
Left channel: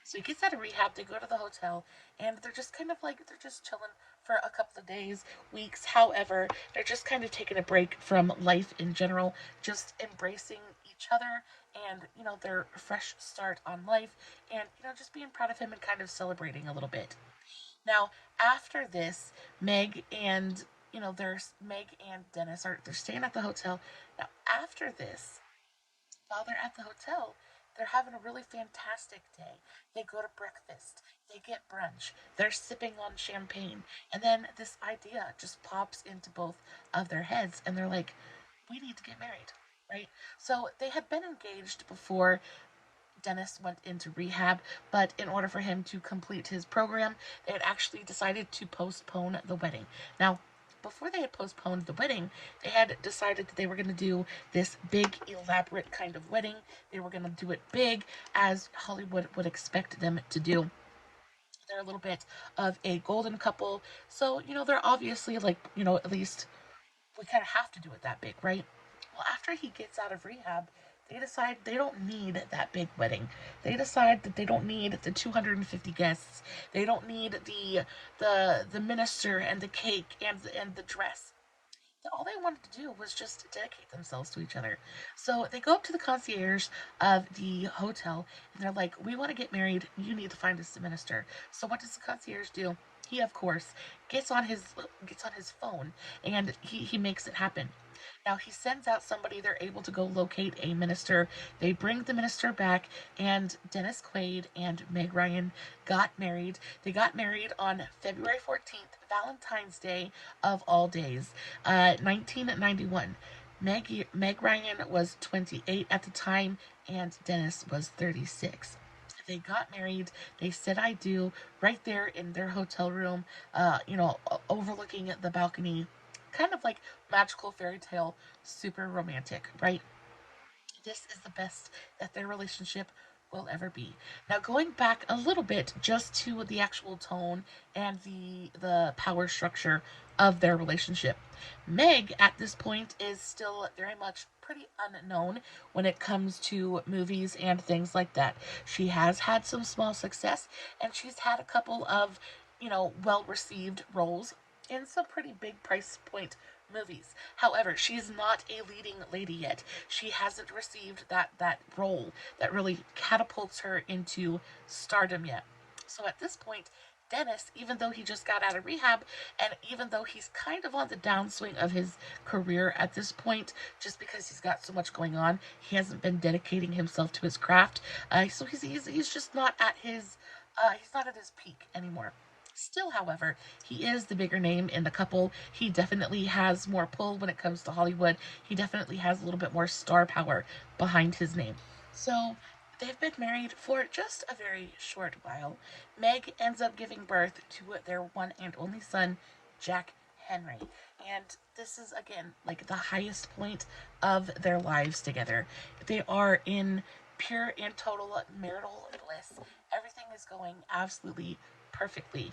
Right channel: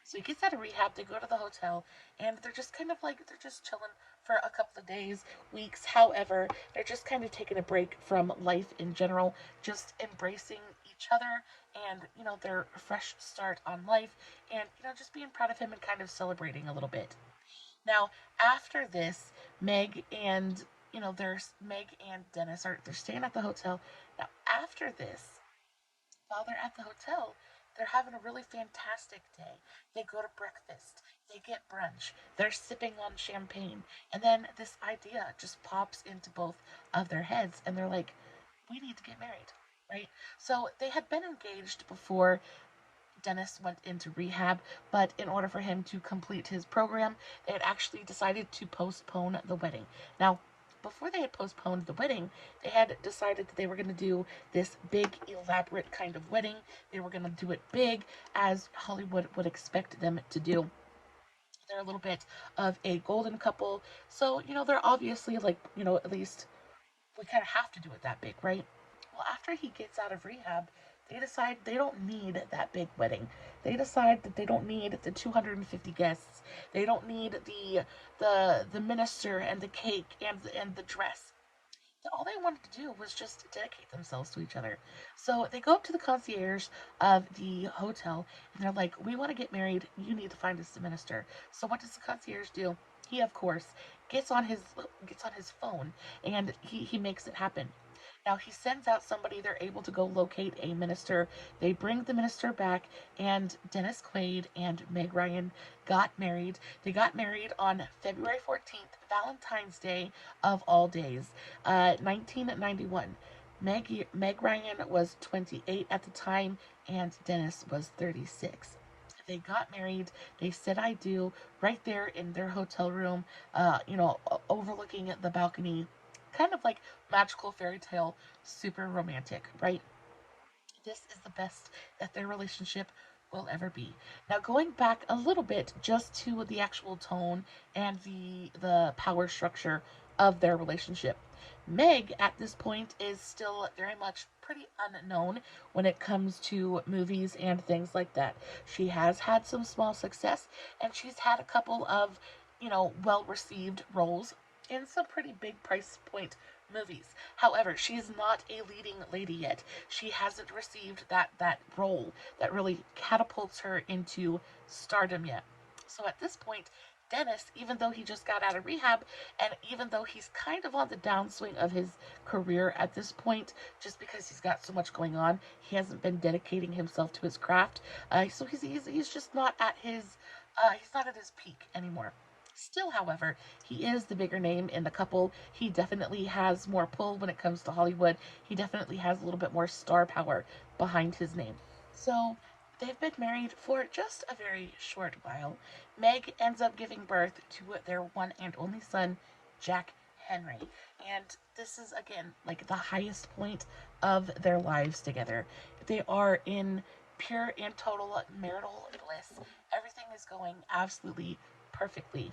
So he gets out of rehab, they go to the hotel, and they're just kind of like, they're just chilling for a couple of days, weeks, however. They're just kind of taking a break from life in general, just embracing each other and, their fresh start on life, and, just being proud of him and kind of celebrating a little bit. Now, after this, there's Meg and Dennis they're staying at the hotel. Now, after this, while they're at the hotel, they're having a really fantastic day. They go to breakfast, they get brunch, they're sipping on champagne, and then this idea just pops into both of their heads, and they're like, we need to get married, right? So they had been engaged before Dennis went into rehab, but in order for him to complete his program, they had actually decided to postpone the wedding. Now, before they had postponed the wedding, they had decided that they were going to do this big, elaborate kind of wedding. They were going to do it big, as Hollywood would expect them to do. They're a little bit of a golden couple, so, they're obviously like, at least we kind of have to do it that big, right? Well, after he gets out of rehab, they decide they don't need that big wedding. They decide that they don't need the 250 guests. They don't need the minister and the cake and the dress. All they wanted to do was just dedicate themselves to each other. So they go up to the concierge of the hotel and they're like, we want to get married. You need to find us a minister. So what does the concierge do? He, of course, gets on his phone and he makes it happen. Now he sends out somebody, they're able to go locate a minister. They bring the minister back, and Dennis Quaid and Meg Ryan got married. They got married on February 14th, Valentine's Day of all days, 1991. Meg Ryan was 28 at the time, and Dennis was 36. They got married. They said I do right there in their hotel room, overlooking the balcony. Kind of like magical fairy tale, super romantic, right? This is the best that their relationship will ever be. Now, going back a little bit just to the actual tone and the power structure of their relationship. Meg at this point is still very much pretty unknown when it comes to movies and things like that. She has had some small success, and she's had a couple of, well received roles in some pretty big price point movies. However, she's not a leading lady yet. She hasn't received that role that really catapults her into stardom yet. So at this point, Dennis, even though he just got out of rehab, and even though he's kind of on the downswing of his career at this point, just because he's got so much going on, he hasn't been dedicating himself to his craft. So he's just not at his he's not at his peak anymore. Still, however, he is the bigger name in the couple. He definitely has more pull when it comes to Hollywood. He definitely has a little bit more star power behind his name. So they've been married for just a very short while. Meg ends up giving birth to their one and only son, Jack Henry. And this is, again, like the highest point of their lives together. They are in pure and total marital bliss. Everything is going absolutely perfectly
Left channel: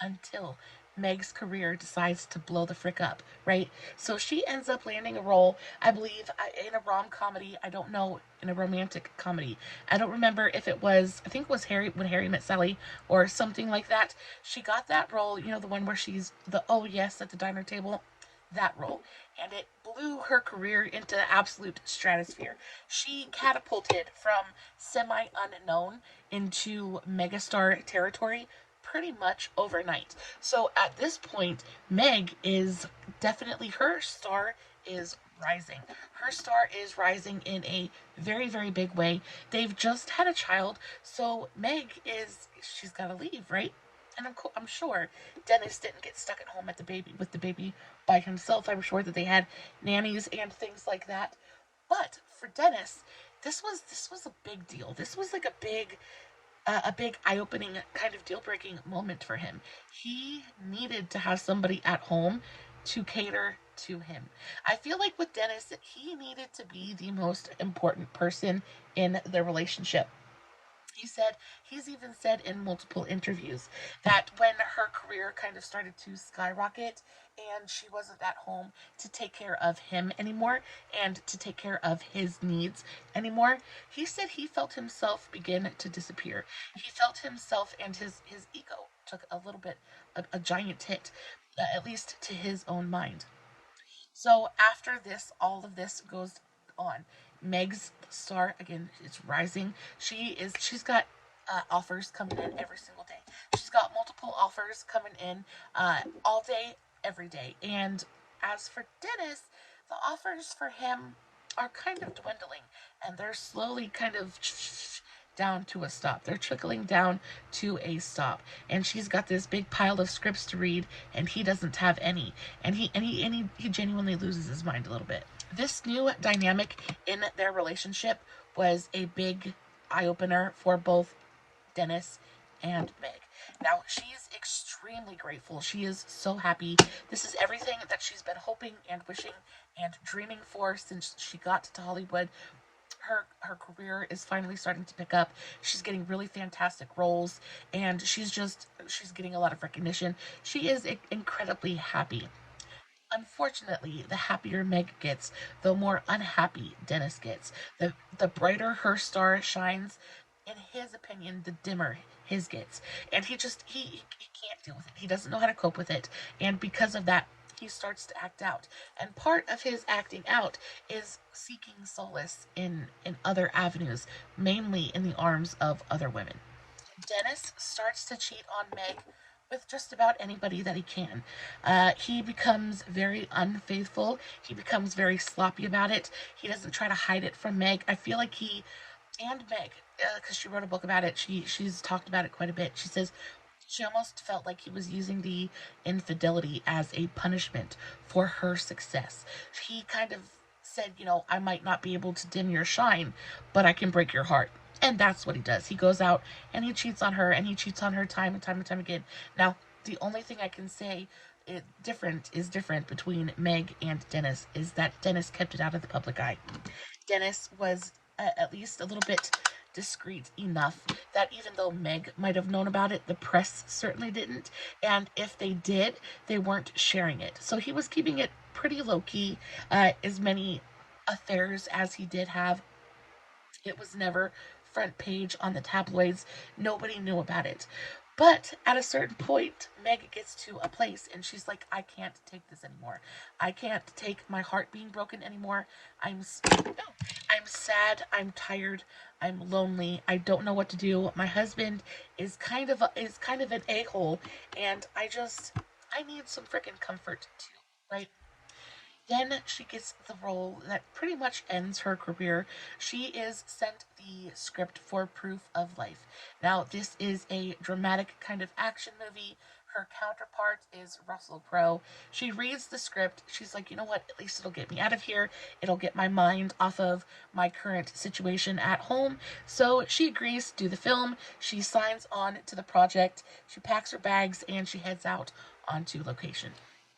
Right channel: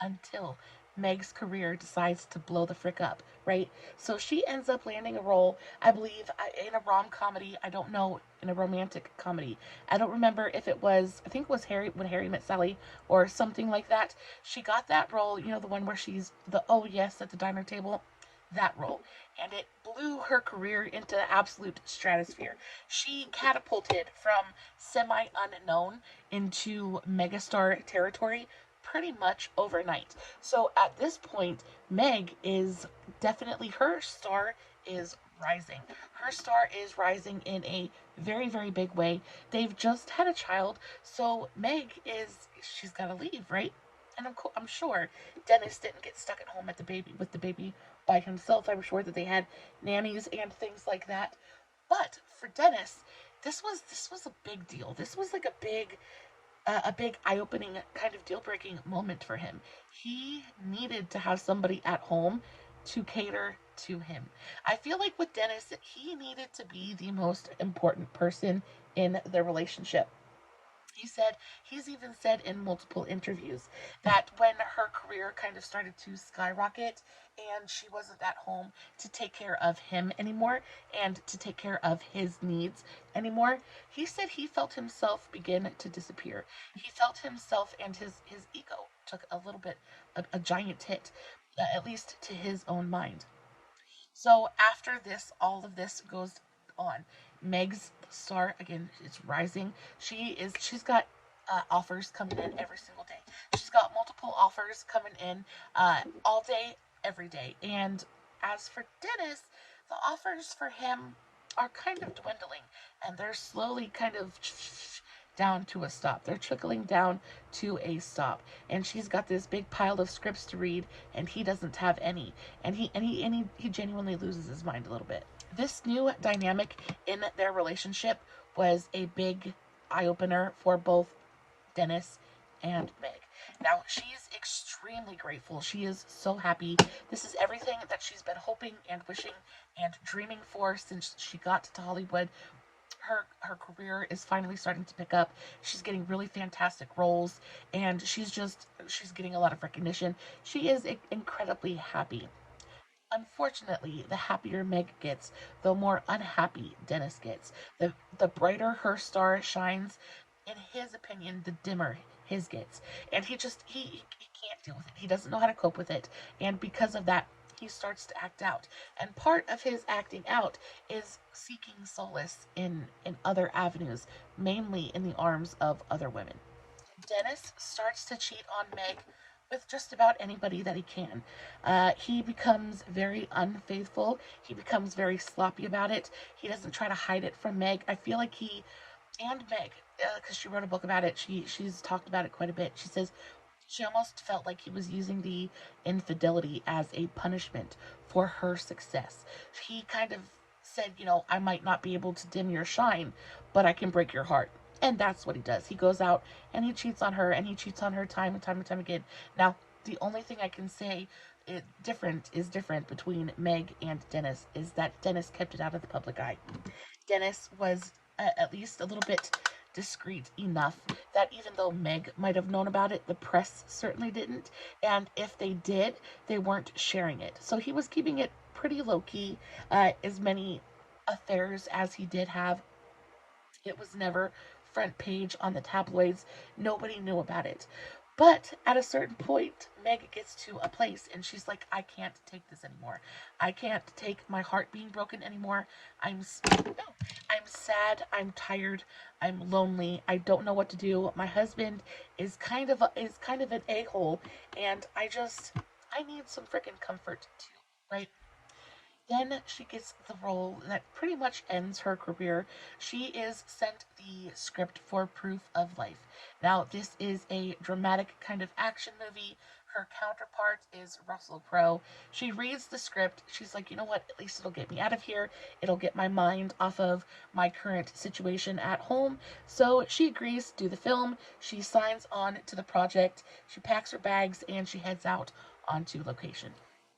until Meg's career decides to blow the frick up, right? So she ends up landing a role, I believe, in a rom-comedy. I don't know, in a romantic comedy. I don't remember if it was, I think it was When Harry Met Sally, or something like that. She got that role, the one where she's the oh yes at the diner table. That role. And it blew her career into the absolute stratosphere. She catapulted from semi-unknown into megastar territory pretty much overnight. So at this point, Meg is definitely, her star is rising. Her star is rising in a very, very big way. They've just had a child, so she's got to leave, right? And I'm sure Dennis didn't get stuck at home with the baby by himself. I'm sure that they had nannies and things like that. But for Dennis, this was a big deal. This was like a big eye-opening kind of deal-breaking moment for him. He needed to have somebody at home to cater to him. I feel like with Dennis, he needed to be the most important person in the relationship. He's even said in multiple interviews that when her career kind of started to skyrocket and she wasn't at home to take care of him anymore and to take care of his needs anymore, he said he felt himself begin to disappear. He felt himself, and his ego took a little bit, a giant hit, at least to his own mind. So after this, all of this goes on. Meg's star, again, is rising. She's got offers coming in every single day. She's got multiple offers coming in all day, every day. And as for Dennis, the offers for him are kind of dwindling, and they're slowly kind of down to a stop. They're trickling down to a stop. And she's got this big pile of scripts to read, and he doesn't have any. And he genuinely loses his mind a little bit. This new dynamic in their relationship was a big eye-opener for both Dennis and Meg. Now, she's extremely grateful. She is so happy. This is everything that she's been hoping and wishing and dreaming for since she got to Hollywood. Her career is finally starting to pick up. She's getting really fantastic roles, and she's getting a lot of recognition. She is incredibly happy. Unfortunately, the happier Meg gets, the more unhappy Dennis gets. The brighter her star shines, in his opinion, the dimmer his gets. And he can't deal with it. He doesn't know how to cope with it. And because of that, he starts to act out. And part of his acting out is seeking solace in other avenues, mainly in the arms of other women. Dennis starts to cheat on Meg with just about anybody that he can. He becomes very unfaithful. He becomes very sloppy about it. He doesn't try to hide it from Meg. I feel like he and Meg, because she wrote a book about it, she's talked about it quite a bit. She says she almost felt like he was using the infidelity as a punishment for her success. He kind of said, I might not be able to dim your shine, but I can break your heart. And that's what he does. He goes out and he cheats on her, and he cheats on her time and time and time again. Now, the only thing I can say is different between Meg and Dennis is that Dennis kept it out of the public eye. Dennis was at least a little bit discreet enough that even though Meg might have known about it, the press certainly didn't. And if they did, they weren't sharing it. So he was keeping it pretty low key. As many affairs as he did have, it was never front page on the tabloids. Nobody knew about it. But at a certain point, Meg gets to a place and she's like, I can't take this anymore. I can't take my heart being broken anymore. I'm sad, I'm tired, I'm lonely. I don't know what to do. My husband is kind of an a-hole, and I need some freaking comfort too, right? Then she gets the role that pretty much ends her career. She is sent the script for Proof of Life. Now, this is a dramatic kind of action movie. Her counterpart is Russell Crowe. She reads the script. She's like, you know what? At least it'll get me out of here. It'll get my mind off of my current situation at home. So she agrees to do the film. She signs on to the project. She packs her bags and she heads out onto location.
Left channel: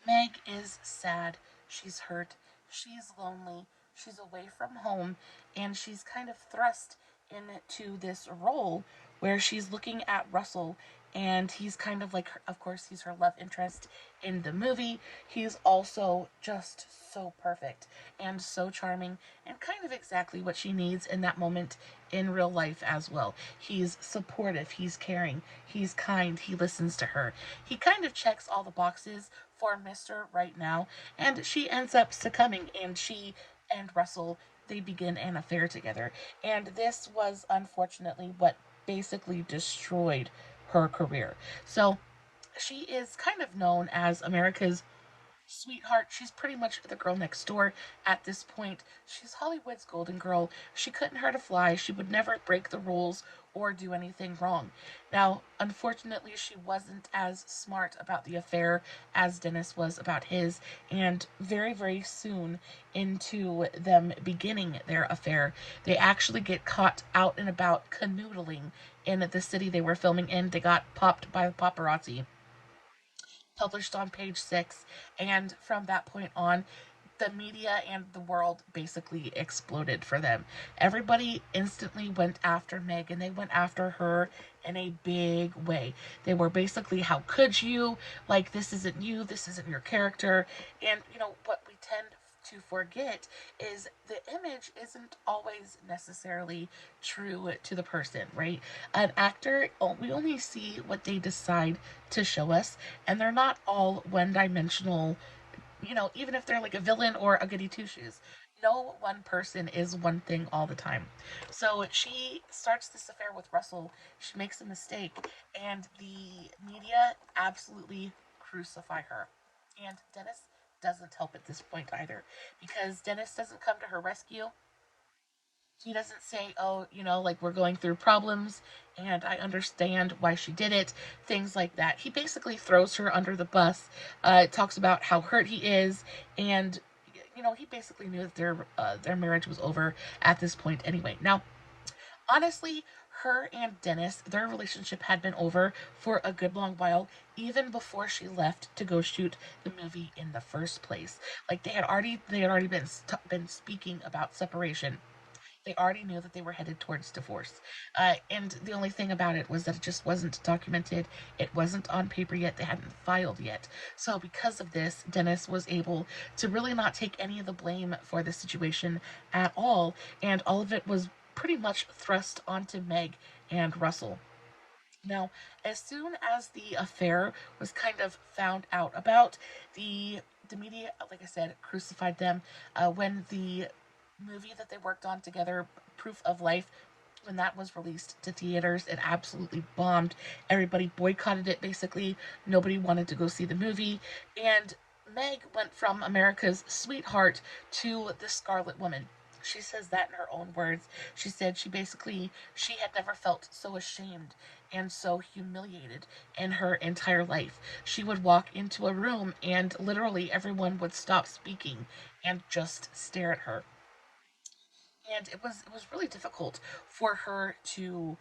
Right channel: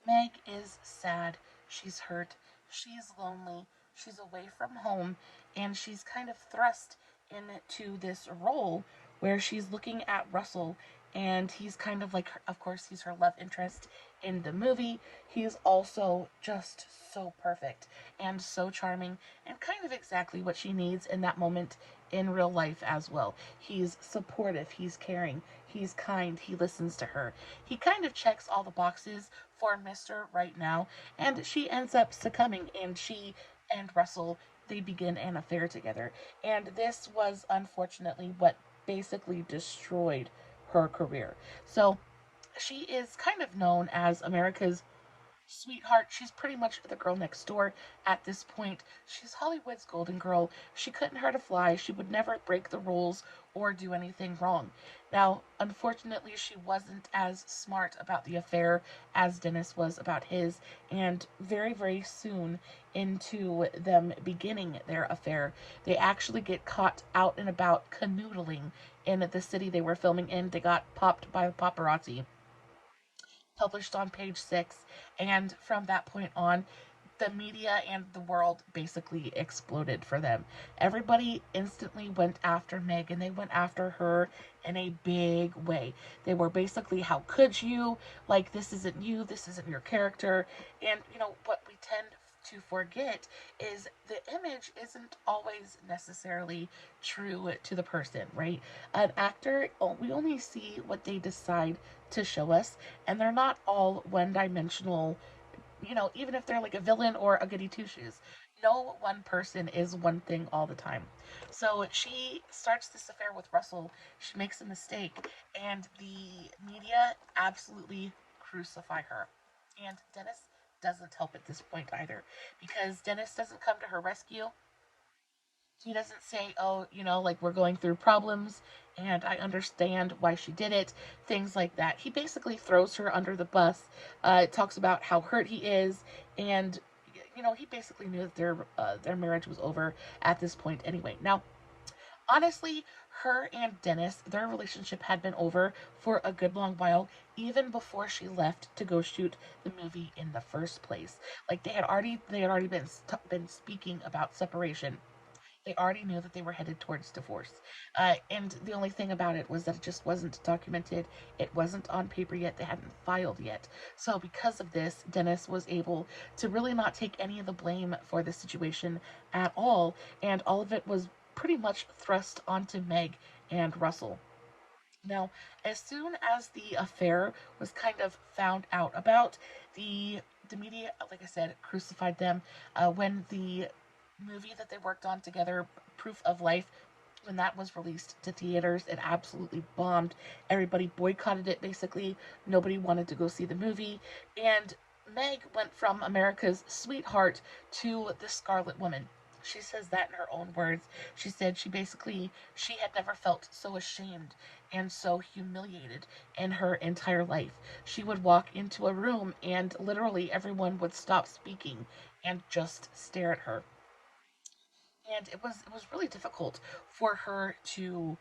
Meg is sad. She's hurt. She's lonely. She's away from home. And she's kind of thrust into this role where she's looking at Russell, and he's kind of like, of course, he's her love interest in the movie. He's also just so perfect and so charming and kind of exactly what she needs in that moment in real life as well. He's supportive, he's caring, he's kind, he listens to her. He kind of checks all the boxes for Mr. Right Now, and she ends up succumbing, and she and Russell, they begin an affair together. And this was unfortunately what basically destroyed her career. So she is kind of known as America's sweetheart. She's pretty much the girl next door at this point. She's Hollywood's golden girl. She couldn't hurt a fly. She would never break the rules or do anything wrong. Now, unfortunately, she wasn't as smart about the affair as Dennis was about his, and very, very soon into them beginning their affair, they actually get caught out and about canoodling in the city they were filming in. They got popped by the paparazzi, published on page 6, and from that point on, the media and the world basically exploded for them. Everybody instantly went after Meg, and they went after her in a big way. They were basically, how could you? Like, this isn't you, this isn't your character. And, you know, what we tend to forget is the image isn't always necessarily true to the person, right? An actor, we only see what they decide to show us, and they're not all one-dimensional. You know, even if they're like a villain or a goody two-shoes, no one person is one thing all the time. So she starts this affair with Russell. She makes a mistake, and the media absolutely crucify her. And Dennis doesn't help at this point either, because Dennis doesn't come to her rescue. He doesn't say, oh, you know, like, we're going through problems and I understand why she did it, things like that. He basically throws her under the bus, talks about how hurt he is, and, you know, he basically knew that their marriage was over at this point anyway. Now, honestly, her and Dennis, their relationship had been over for a good long while, even before she left to go shoot the movie in the first place. Like, they had already been speaking about separation. They already knew that they were headed towards divorce. And the only thing about it was that it just wasn't documented. It wasn't on paper yet. They hadn't filed yet. So because of this, Dennis was able to really not take any of the blame for the situation at all. And all of it was pretty much thrust onto Meg and Russell. Now, as soon as the affair was kind of found out about, the media, like I said, crucified them. When the movie that they worked on together, Proof of Life, when that was released to theaters, it absolutely bombed. Everybody boycotted it, basically. Nobody wanted to go see the movie. And Meg went from America's sweetheart to the Scarlet Woman. She says that in her own words. She said she had never felt so ashamed and so humiliated in her entire life. She would walk into a room and literally everyone would stop speaking and just stare at her. And it was really difficult for her to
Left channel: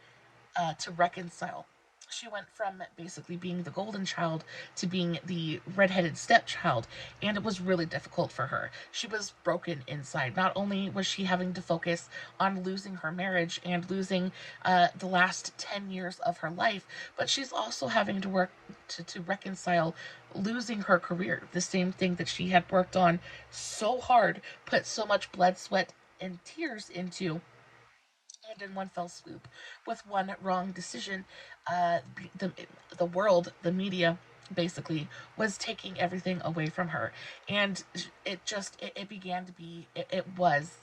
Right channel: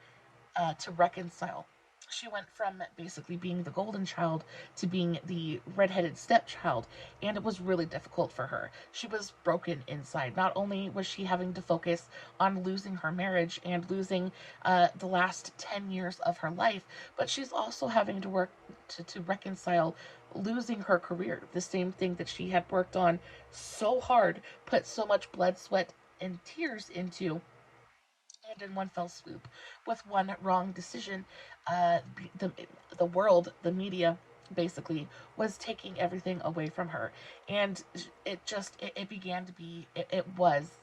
reconcile. she went from basically being the golden child to being the redheaded stepchild, and it was really difficult for her. She was broken inside. Not only was she having to focus on losing her marriage and losing the last 10 years of her life, but she's also having to work to reconcile losing her career, the same thing that she had worked on so hard, put so much blood, sweat, and tears into, and in one fell swoop, with one wrong decision, the the world, the media, basically was taking everything away from her, and it began to be it was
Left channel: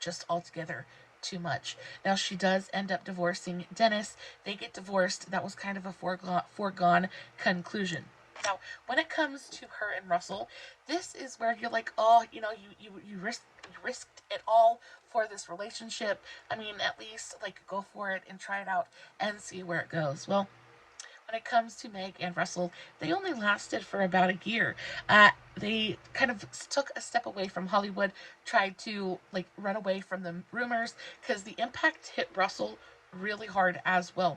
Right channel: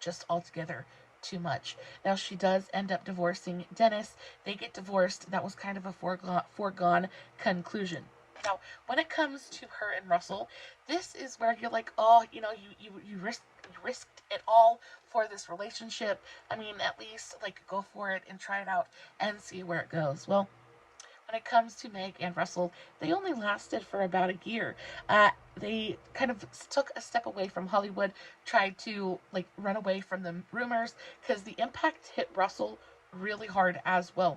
just altogether too much. Now she does end up divorcing Dennis. They get divorced. That was kind of a foregone conclusion. Now, when it comes to her and Russell, this is where you're like, oh, you risked it all for this relationship. I mean, at least like go for it and try it out and see where it goes. Well, when it comes to Meg and Russell, they only lasted for about a year. They kind of took a step away from Hollywood, tried to like run away from the rumors, because the impact hit Russell really hard as well.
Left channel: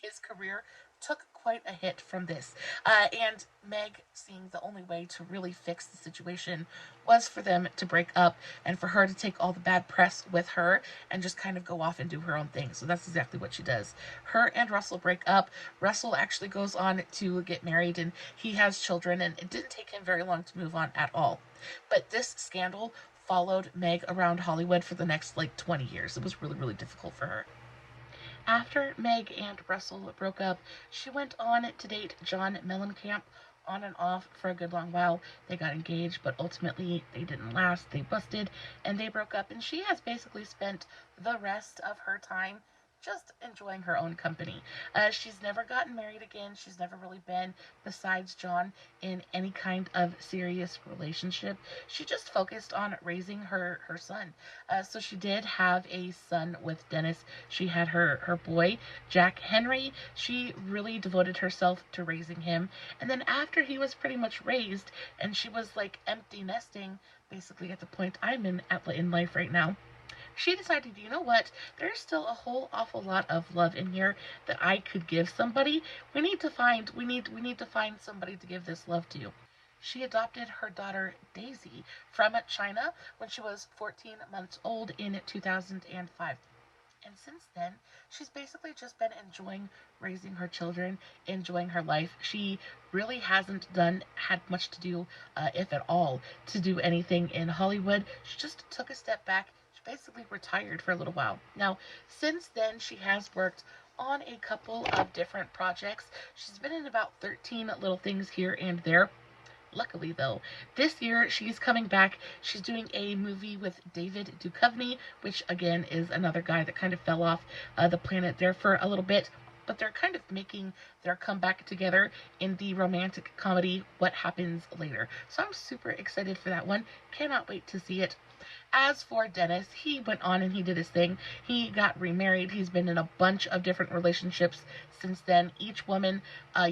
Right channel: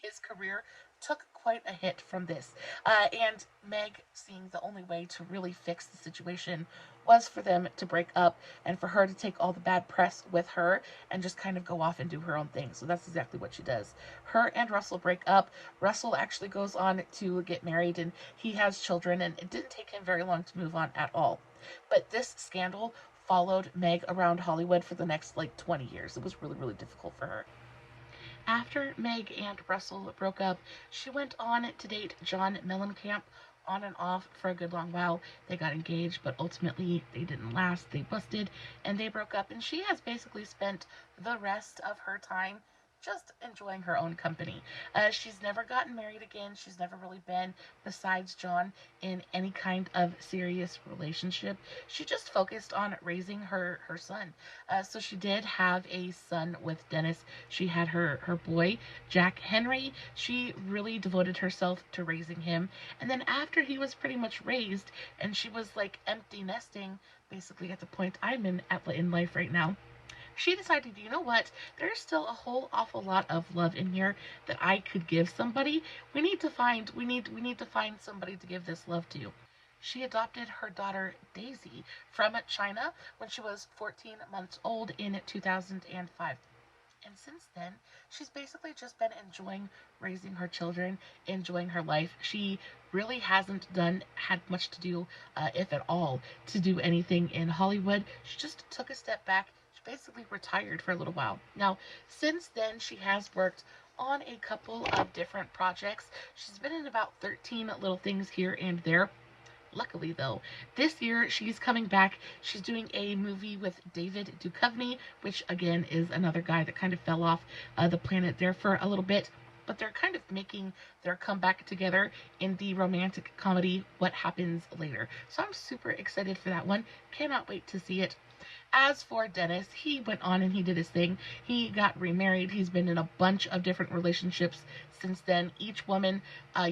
His career took quite a hit from this. And Meg, seeing the only way to really fix the situation was for them to break up and for her to take all the bad press with her and just kind of go off and do her own thing. So that's exactly what she does. Her and Russell break up. Russell actually goes on to get married and he has children, and it didn't take him very long to move on at all. But this scandal followed Meg around Hollywood for the next like 20 years. It was really, really difficult for her. After Meg and Russell broke up, she went on to date John Mellencamp on and off for a good long while. They got engaged, but ultimately they didn't last. They busted and they broke up, and she has basically spent the rest of her time just enjoying her own company. She's never gotten married again. She's never really been, besides John, in any kind of serious relationship. She just focused on raising her son. So she did have a son with Dennis. She had her boy, Jack Henry. She really devoted herself to raising him. And then after he was pretty much raised, and she was like empty nesting, basically at the point I'm in life right now, she decided, you know what, there's still a whole awful lot of love in here that I could give somebody. We need to find somebody to give this love to. She adopted her daughter Daisy from China when she was 14 months old in 2005. And since then, she's basically just been enjoying raising her children, enjoying her life. She really hasn't had much to do, if at all, to do anything in Hollywood. She just took a step back, basically retired for a little while. Now, since then, she has worked on a couple of different projects. She's been in about 13 little things here and there. Luckily, though, this year she's coming back. She's doing a movie with David Duchovny, which again is another guy that kind of fell off the planet there for a little bit. But they're kind of making their comeback together in the romantic comedy What Happens Later. So I'm super excited for that one. Cannot wait to see it. As for Dennis, he went on and he did his thing. He got remarried. He's been in a bunch of different relationships since then, each woman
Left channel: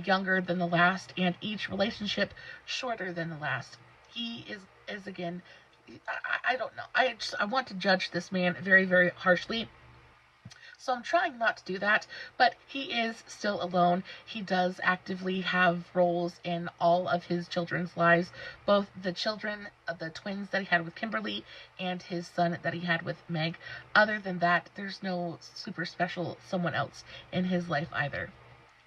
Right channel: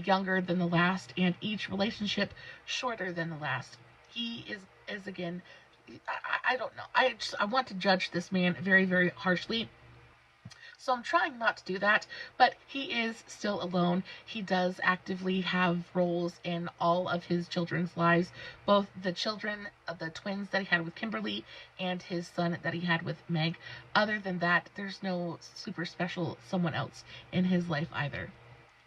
younger than the last, and each relationship shorter than the last. He is again, I don't know. I want to judge this man very, very harshly. So I'm trying not to do that, but he is still alone. He does actively have roles in all of his children's lives, both the children, the twins that he had with Kimberly, and his son that he had with Meg. Other than that, there's no super special someone else in his life either.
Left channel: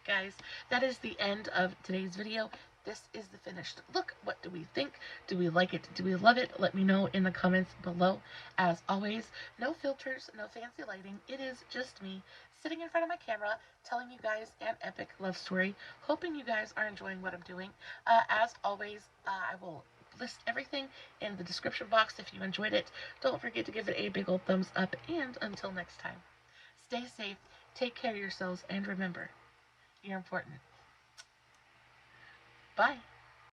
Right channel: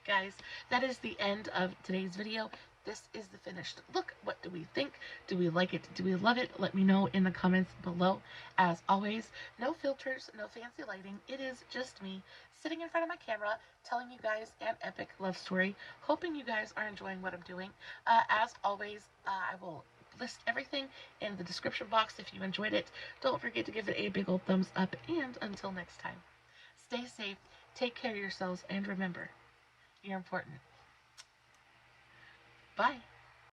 Guys, that is the end of today's video. This is the finished look. What do we think? Do we like it? Do we love it? Let me know in the comments below. As always, no filters, no fancy lighting. It is just me sitting in front of my camera telling you guys an epic love story. Hoping you guys are enjoying what I'm doing. As always, I will list everything in the description box if you enjoyed it. Don't forget to give it a big old thumbs up, and until next time, stay safe, take care of yourselves, and remember, you're important. Bye.